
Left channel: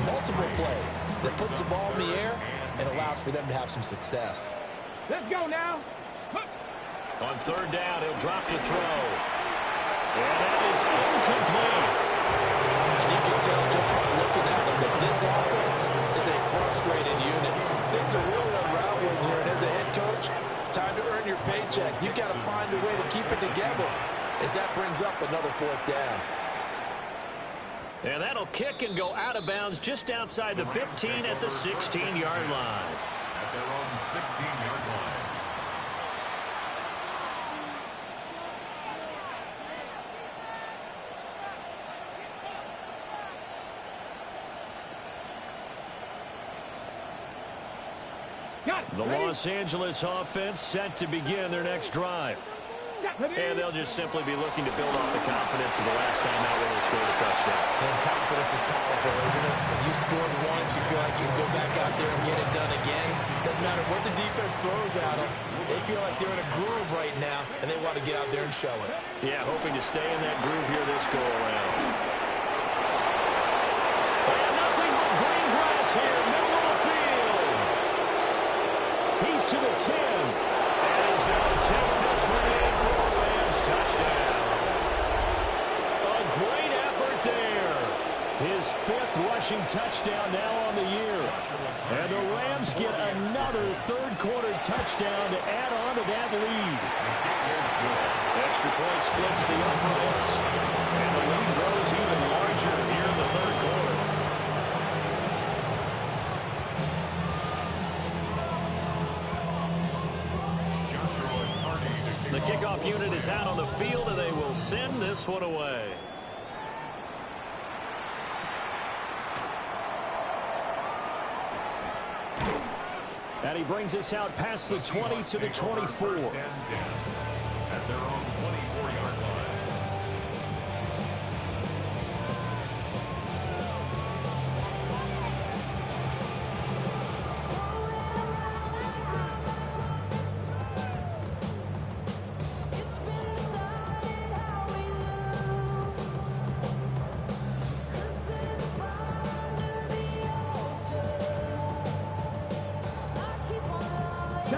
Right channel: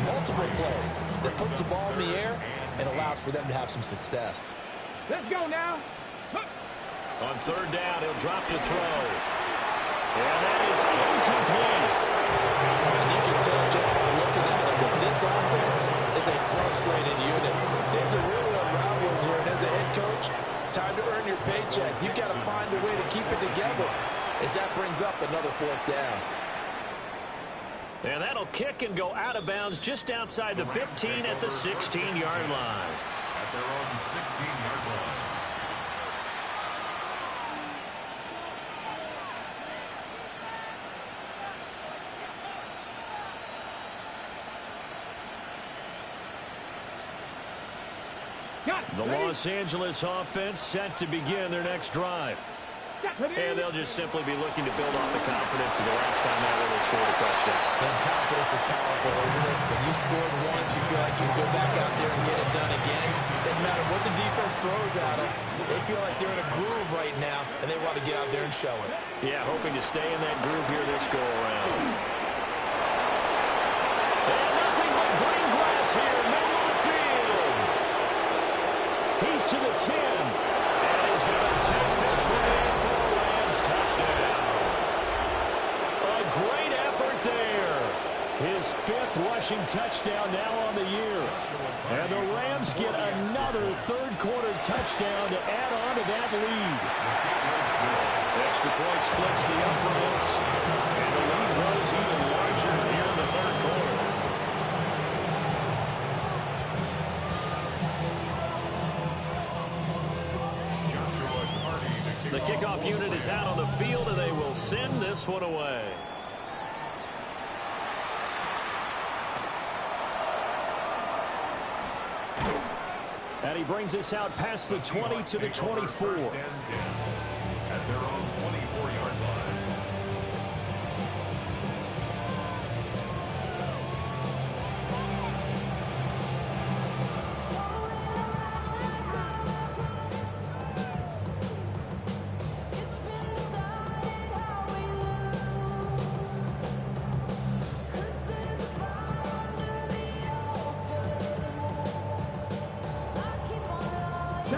multiple plays, that puts the ball in the air and allows for them to have some success. Let's go now. On third down, he'll drop to throw. And that is incomplete. And you can tell just by looking at him that this offense is a frustrated unit. Things are really unraveling here, and as a head coach, time to earn your paycheck. You've got to find a way to keep it together as that brings up another fourth down. And that'll kick and go out of bounds just outside the 15 at the 16-yard line. At their own 16-yard line. The Los Angeles offense set to begin their next drive. And they'll just simply be looking to build off the confidence of the last time out when they scored a touchdown. And confidence is powerful, isn't it? When you scored once, you feel like you can go back out there and get it done again. Doesn't matter what the defense throws at them. They feel like they're in a groove right now, and they want to get out there and show it. Yeah, hoping to stay in that groove here this go-around. And nothing but green grass here, middle of the field. He's to the 10. And he's going to take this one in for a Rams touchdown. A great effort there. His 5th rushing touchdown now on the year. And the Rams get another third-quarter touchdown to add on to that lead. Extra point splits the uprights. And the lead grows even larger here in the third quarter. The kickoff unit is out on the field, and they will send this one away. And he brings us out past the 20 to the 24. At their own 24-yard line.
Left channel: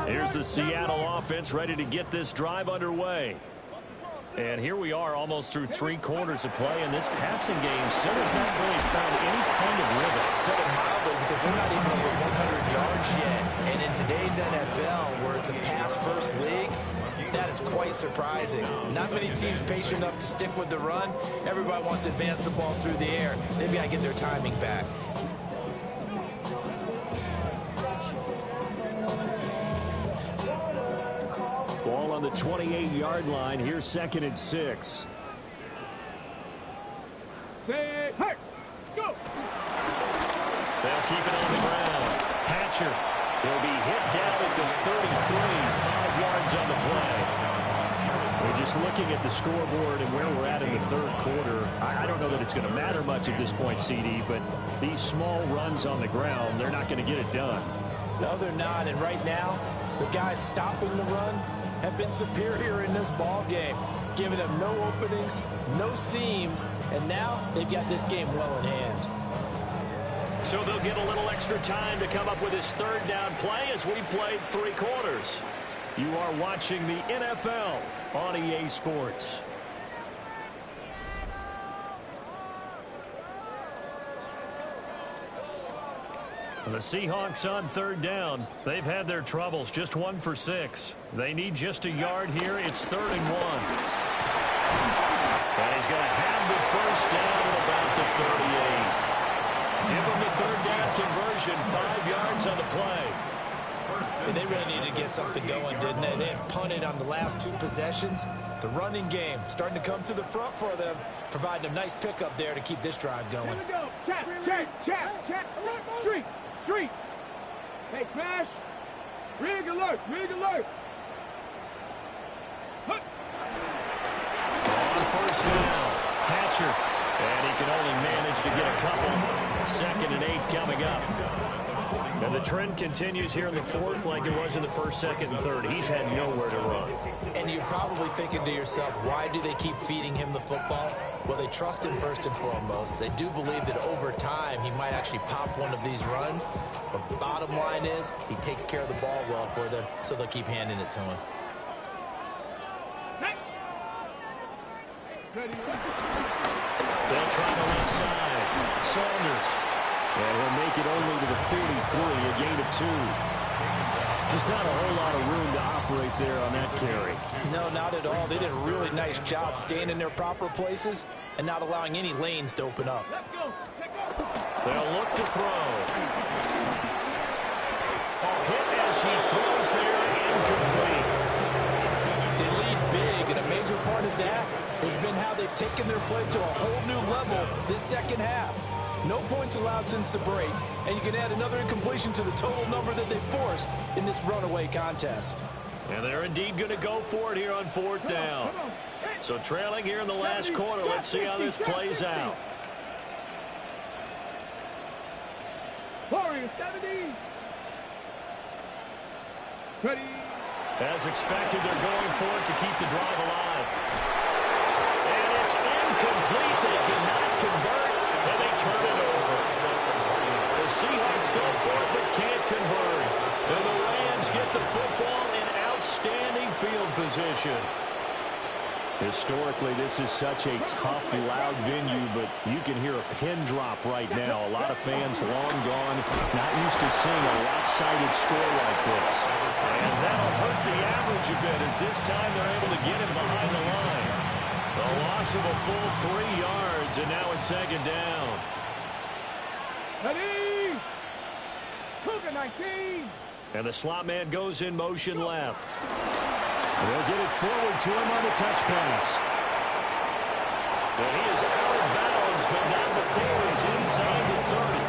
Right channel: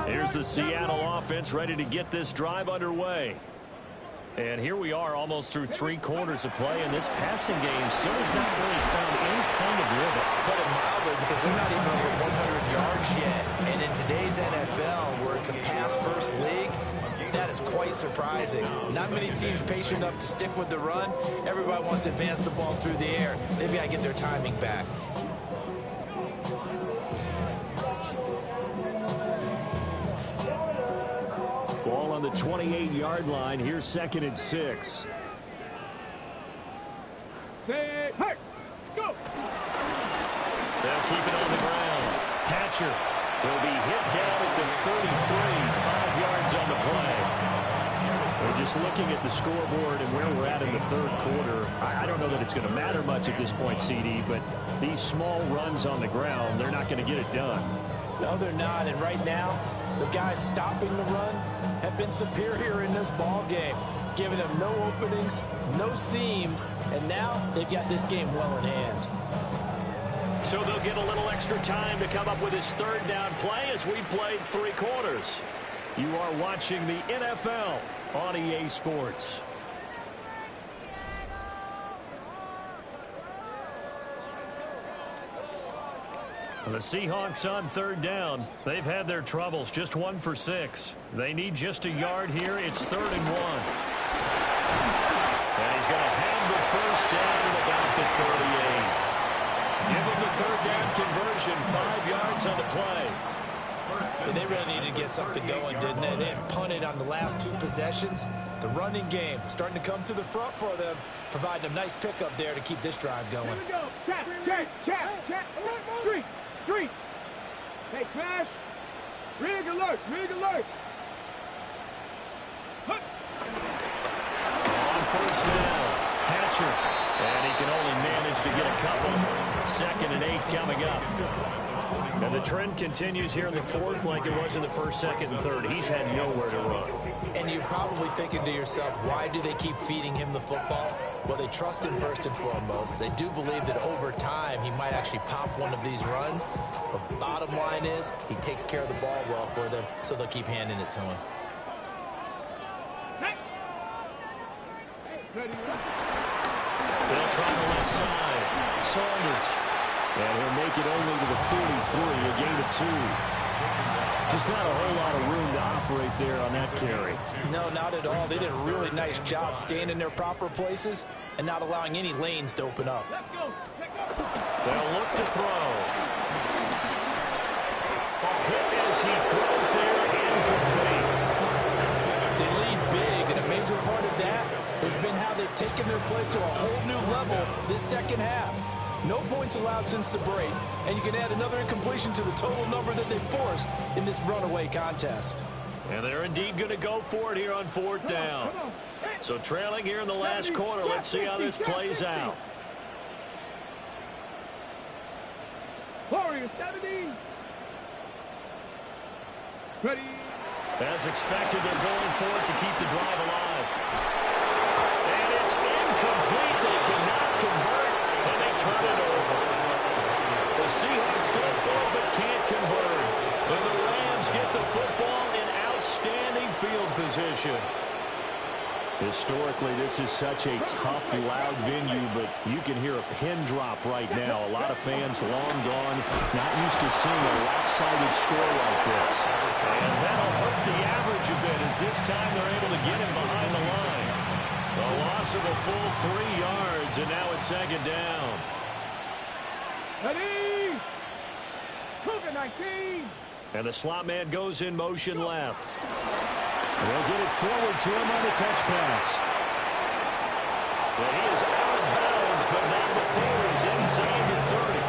Here's the Seattle offense ready to get this drive underway. And here we are almost through 3 quarters of play, and this passing game still has not really found any kind of rhythm. Put it mildly, because they're not even over 100 yards yet. And in today's NFL, where it's a pass-first league, that is quite surprising. Not many teams patient enough to stick with the run. Everybody wants to advance the ball through the air. They've got to get their timing back. Ball on the 28-yard line. Here's 2nd and 6. Say, hey, go! They'll keep it on the ground. Hatcher. He'll be hit down at the 33, 5 yards on the play. We're just looking at the scoreboard and where we're at in the third quarter. I don't know that it's going to matter much at this point, CD, but these small runs on the ground, they're not going to get it done. No, they're not. And right now, the guys stopping the run have been superior in this ball game, giving them no openings, no seams, and now they've got this game well in hand. So they'll get a little extra time to come up with his third down play as we played 3 quarters. You are watching the NFL on EA Sports. The Seahawks on third down. They've had their troubles, just 1 for 6. They need just a yard here. It's 3rd and 1. And he's going to have the first down at about the 38. Give him the third down conversion, 5 yards on the play. And they really needed to get something going, didn't they? They had punted on the last 2 possessions. The running game starting to come to the front for them, providing a nice pickup there to keep this drive going. Here we go. Check. Street. Hey, smash. Rig alert! Rig alert! Hut. On first down, Hatcher. And he can only manage to get a couple. 2nd and 8 coming up. And the trend continues here in the 4th like it was in the 1st, 2nd, and 3rd. He's had nowhere to run. And you're probably thinking to yourself, why do they keep feeding him the football? Well, they trust him first and foremost. They do believe that over time he might actually pop one of these runs. But bottom line is he takes care of the ball well for them, so they'll keep handing it to him. They'll try the left side. Saunders. And he'll make it only to the 43, a gain of 2. Just not a whole lot of room to operate there on that carry. No, not at all. They did a really nice job staying in their proper places and not allowing any lanes to open up. Let's go! Let's go! They'll look to throw. Hit as he throws there, incomplete. They lead big, and a major part of that has been how they've taken their play to a whole new level this second half. No points allowed since the break, and you can add another incompletion to the total number that they forced in this runaway contest. And they're indeed going to go for it here on 4th down. So trailing here in the last quarter, let's see how this plays out. Warriors 70. Ready. As expected, they're going for it to keep the drive alive. And it's incomplete. They cannot convert, and they turn it over. The Seahawks go for it but can't convert. And the Rams get the football in outstanding field position. Historically, this is such a tough, loud venue, but you can hear a pin drop right now. A lot of fans long gone, not used to seeing a lopsided score like this. And that'll hurt the average a bit as this time they're able to get him behind the line. The loss of a full 3 yards, and now it's 2nd down. Ready. Cougar 19. And the slot man goes in motion left. They'll get it forward to him on the touch pass. And he is out of bounds, but not before he's inside the 30.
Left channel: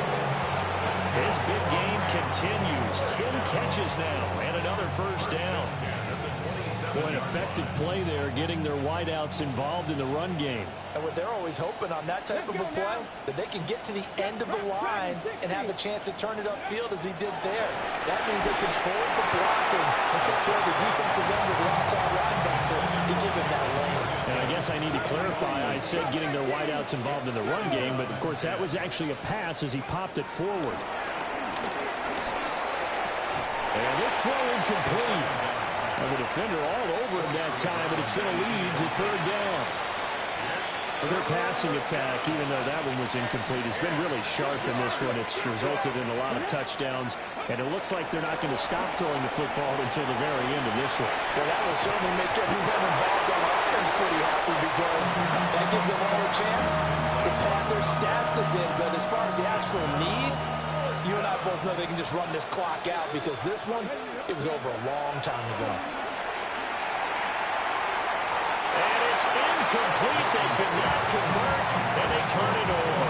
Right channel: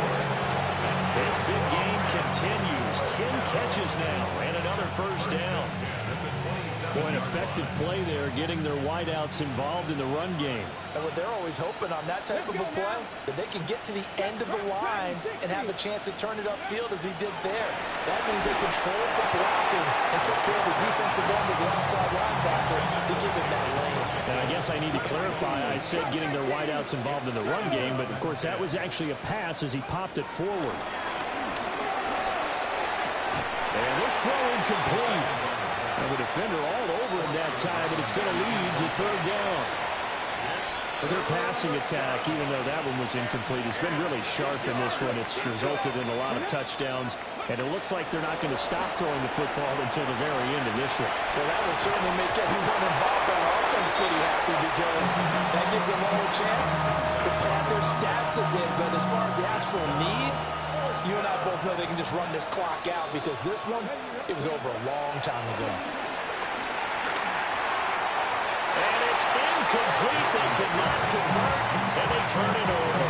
His big game continues. 10 catches now and another first down. Boy, an effective play there, getting their wideouts involved in the run game. And what they're always hoping on that type of a play, that they can get to the end of the line and have a chance to turn it upfield as he did there. That means they controlled the blocking and took care of the defensive end of the outside linebacker to give him that lane. And I guess I need to clarify, I said getting their wideouts involved in the run game, but of course that was actually a pass as he popped it forward. And this throw incomplete. And the defender all over him that time, but it's going to lead to 3rd down. Their passing attack, even though that one was incomplete, has been really sharp in this one. It's resulted in a lot of touchdowns, and it looks like they're not going to stop throwing the football until the very end of this one. Well, that will certainly make everyone involved on offense pretty happy because that gives them all a chance to pad their stats a bit. But as far as the actual need, you and I both know they can just run this clock out because this one, it was over a long time ago. And it's incomplete. They cannot convert, and they turn it over.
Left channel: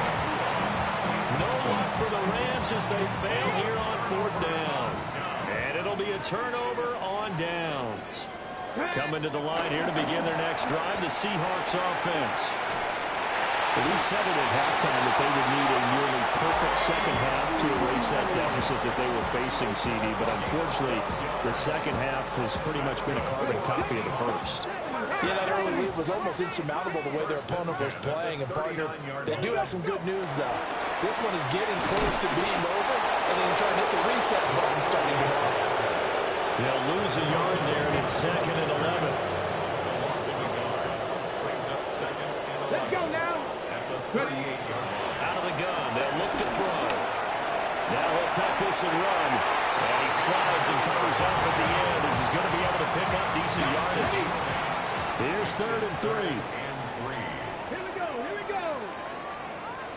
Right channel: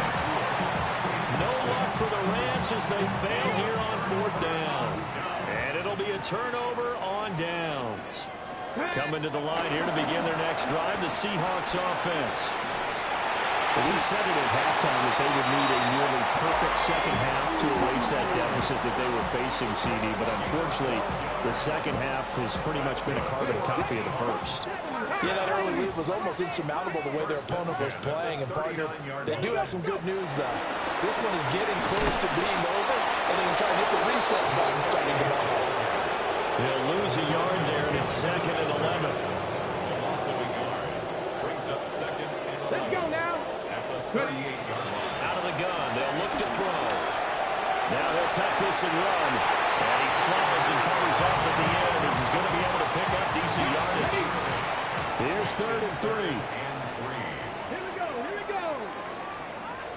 No luck for the Rams as they fail here on 4th down. And it'll be a turnover on downs. Coming to the line here to begin their next drive, the Seahawks offense. Well, we said it at halftime that they would need a nearly perfect second half to erase that deficit that they were facing, CD. But unfortunately, the second half has pretty much been a carbon copy of the first. Yeah, that early lead was almost insurmountable the way their opponent was playing. And, partner, they do have some good news, though. This one is getting close to being over, and they can try and hit the reset button starting tomorrow. They'll lose a yard there, and it's 2nd and 11. The loss of a yard brings up 2nd and 11. Let's go now. At the 38-yard line. Out of the gun, they'll look to throw. Now he'll tuck this and run. And he slides and covers up at the end as he's going to be able to pick up decent yardage. Here's 3rd and 3. Here we go. Here we go.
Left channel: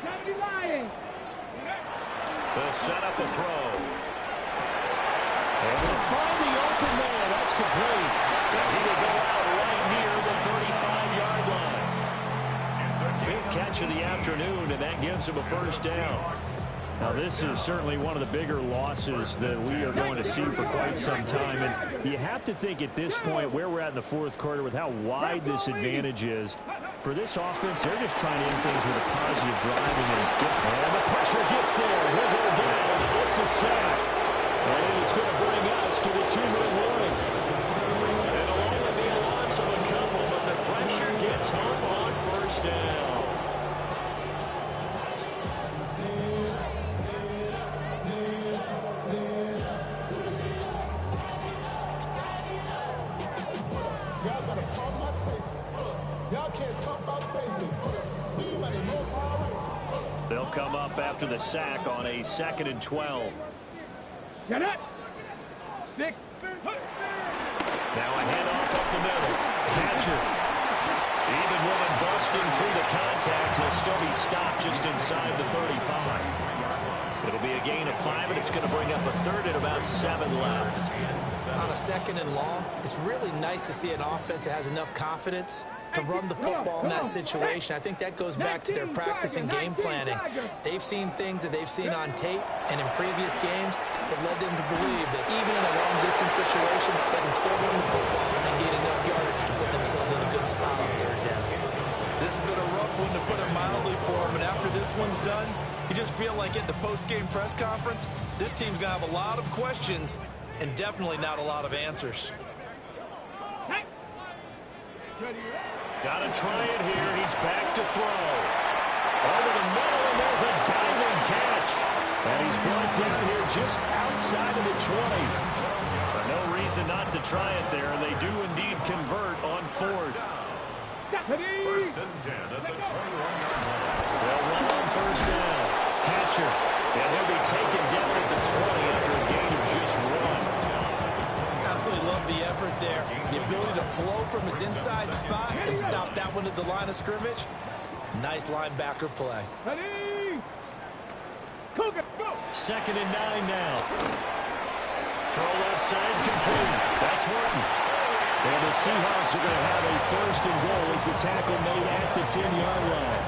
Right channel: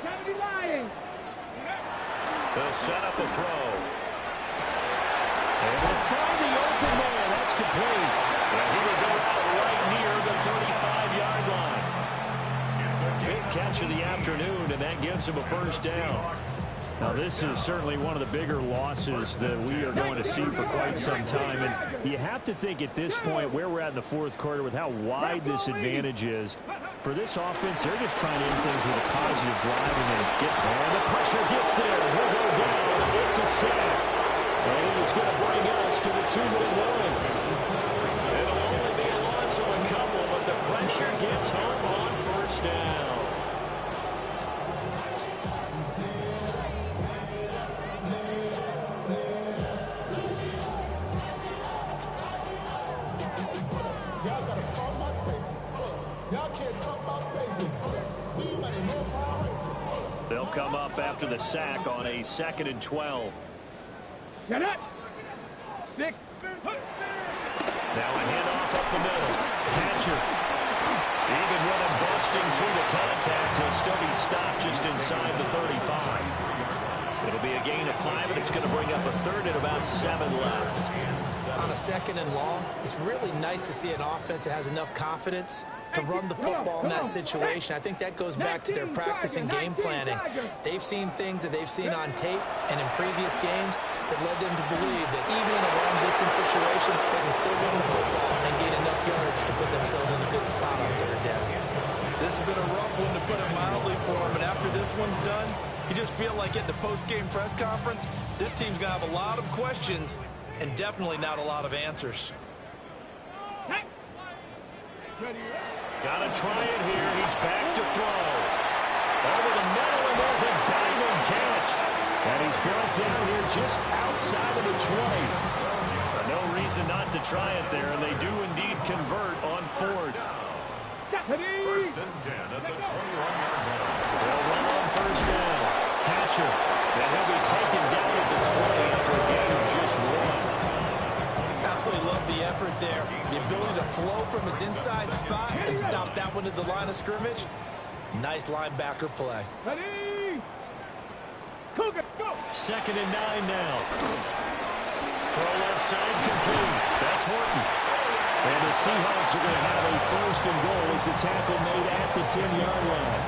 70 Lions. They'll set up a throw. And they'll find the open man. That's complete. And he will go out right near the 35-yard line. 5th catch of the afternoon, and that gives him a first down. Now, this is certainly one of the bigger losses that we are going to see for quite some time. And you have to think at this point where we're at in the fourth quarter with how wide this advantage is. For this offense, they're just trying to end things with a positive drive and then and the pressure gets there. He'll go down. It's a sack. And it's going to bring us to the 2-minute warning. It'll only be a loss of a couple, but the pressure gets home on first down. They'll come up after the sack on a 2nd and 12. Get it. 6. Now a handoff up the middle. Hatcher. Even with him busting through the contact, he'll still be stopped just inside the 35. It'll be a gain of 5, and it's going to bring up a 3rd and about 7 left. On a 2nd and long, it's really nice to see an offense that has enough confidence to run the football in that situation. I think that goes back to their practice and game planning. They've seen things that they've seen on tape and in previous games that led them to believe that even in a long-distance situation, they can still run the football and gain enough yardage to put themselves in a good spot on 3rd down. This has been a rough one, to put it mildly, for them, and after this one's done, you just feel like at the post-game press conference, this team's going to have a lot of questions and definitely not a lot of answers. Got to try it here. He's back to throw. Over the middle, and there's a diving catch. And he's brought down here just outside of the 20. No reason not to try it there, and they do indeed convert on 4th. First and 10 at the 21-yard line. They'll run on first down. Hatcher. And he'll be taken down at the 20 after a gain of just 1. Absolutely love the effort there. The ability to flow from his inside spot and stop that one at the line of scrimmage. Nice linebacker play. 2nd and 9 now. Throw left side complete. That's Horton. And the Seahawks are going to have a 1st and goal as the tackle made at the 10-yard line.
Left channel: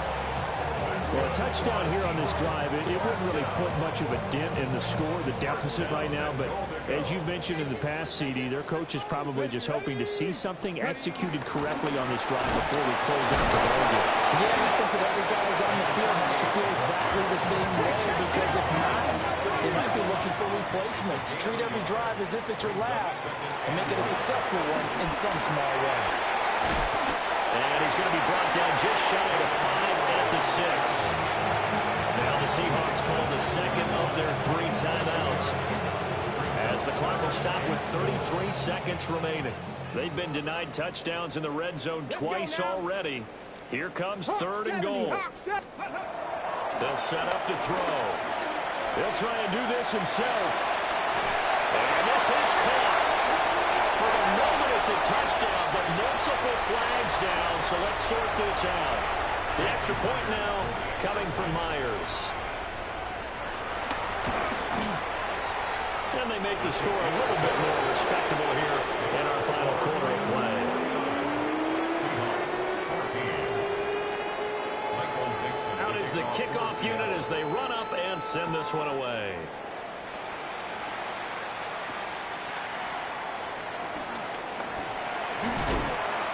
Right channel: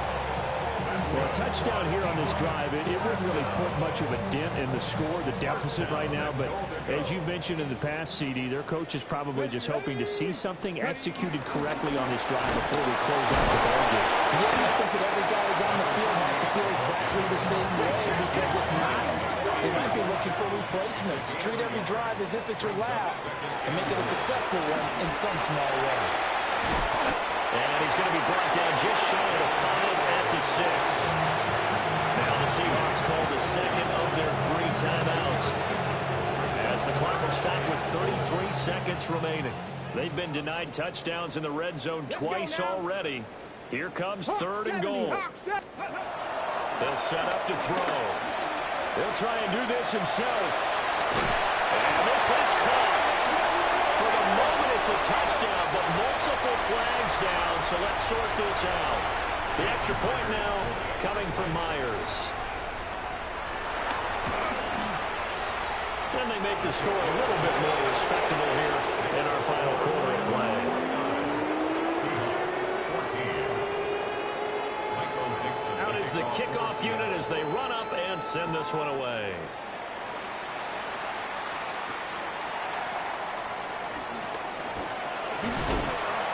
Well, a touchdown here on this drive, it wouldn't really put much of a dent in the score, the deficit right now. But as you mentioned in the past, CD, their coach is probably just hoping to see something executed correctly on this drive before we close out the ballgame. Yeah, I think that every guy who's on the field has to feel exactly the same way, because if not, they might be looking for replacements. Treat every drive as if it's your last and make it a successful one in some small way. And he's going to be brought down just shy of the 5 at the 6. Now the Seahawks call the 2nd of their 3 timeouts, as the clock will stop with 33 seconds remaining. They've been denied touchdowns in the red zone twice already. Here comes 3rd and goal. They'll set up to throw. He'll try and do this himself. And this is caught. For the moment, it's a touchdown, but multiple flags down, so let's sort this out. The extra point now coming from Myers. And they make the score a little bit more respectable here in our final quarter of play. Seahawks 14. Michael Dixon. Out is the kickoff unit as they run up and send this one away.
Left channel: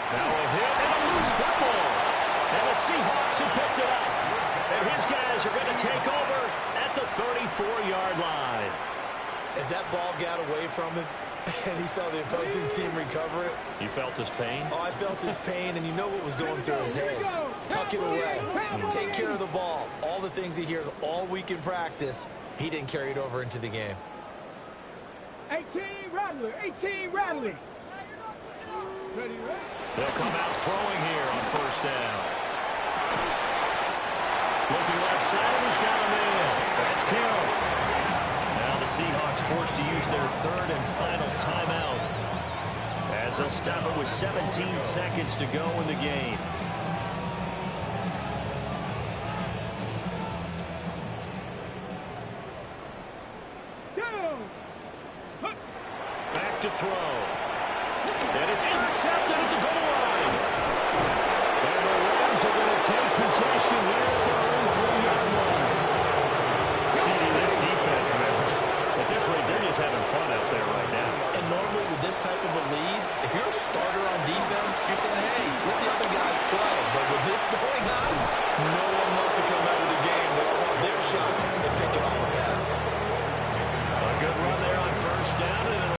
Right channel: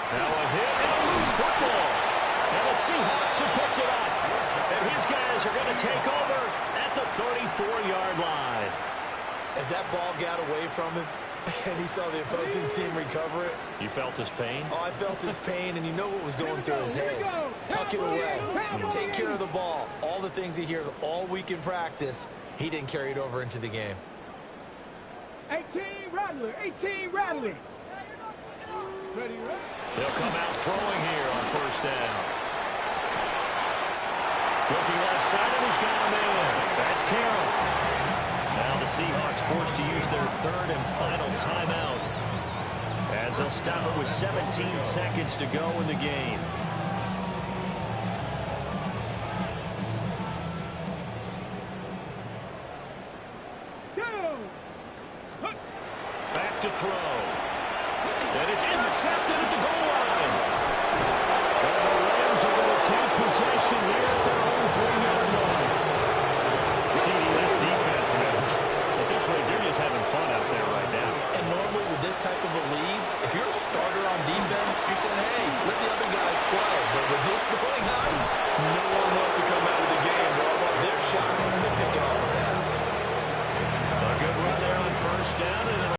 Now a hit and a loose football. And the Seahawks have picked it up. And his guys are going to take over at the 34-yard line. As that ball got away from him and he saw the opposing team recover it. You felt his pain? Oh, I felt his pain, and you know what was going through his head. Tuck it away. Take care of the ball. All the things he hears all week in practice, he didn't carry it over into the game. 18 Rattler, 18 Rattler. They'll come out throwing here on first down. Looking left side, and he's got a man. That's Carroll. Now the Seahawks forced to use their 3rd and final timeout, as they'll stop it with 17 seconds to go in the game. Back to throw. And it's intercepted at the goal line. And the Rams are going to take possession here at their own 3-yard line. CD, this defense, man, at this rate, they're just having fun out there right now. And normally with this type of a lead, if you're a starter on defense, you're saying, hey, let the other guys play. But with this going on, no one wants to come out of the game. They all want their shot at picking off a pass. A good run there on first down, and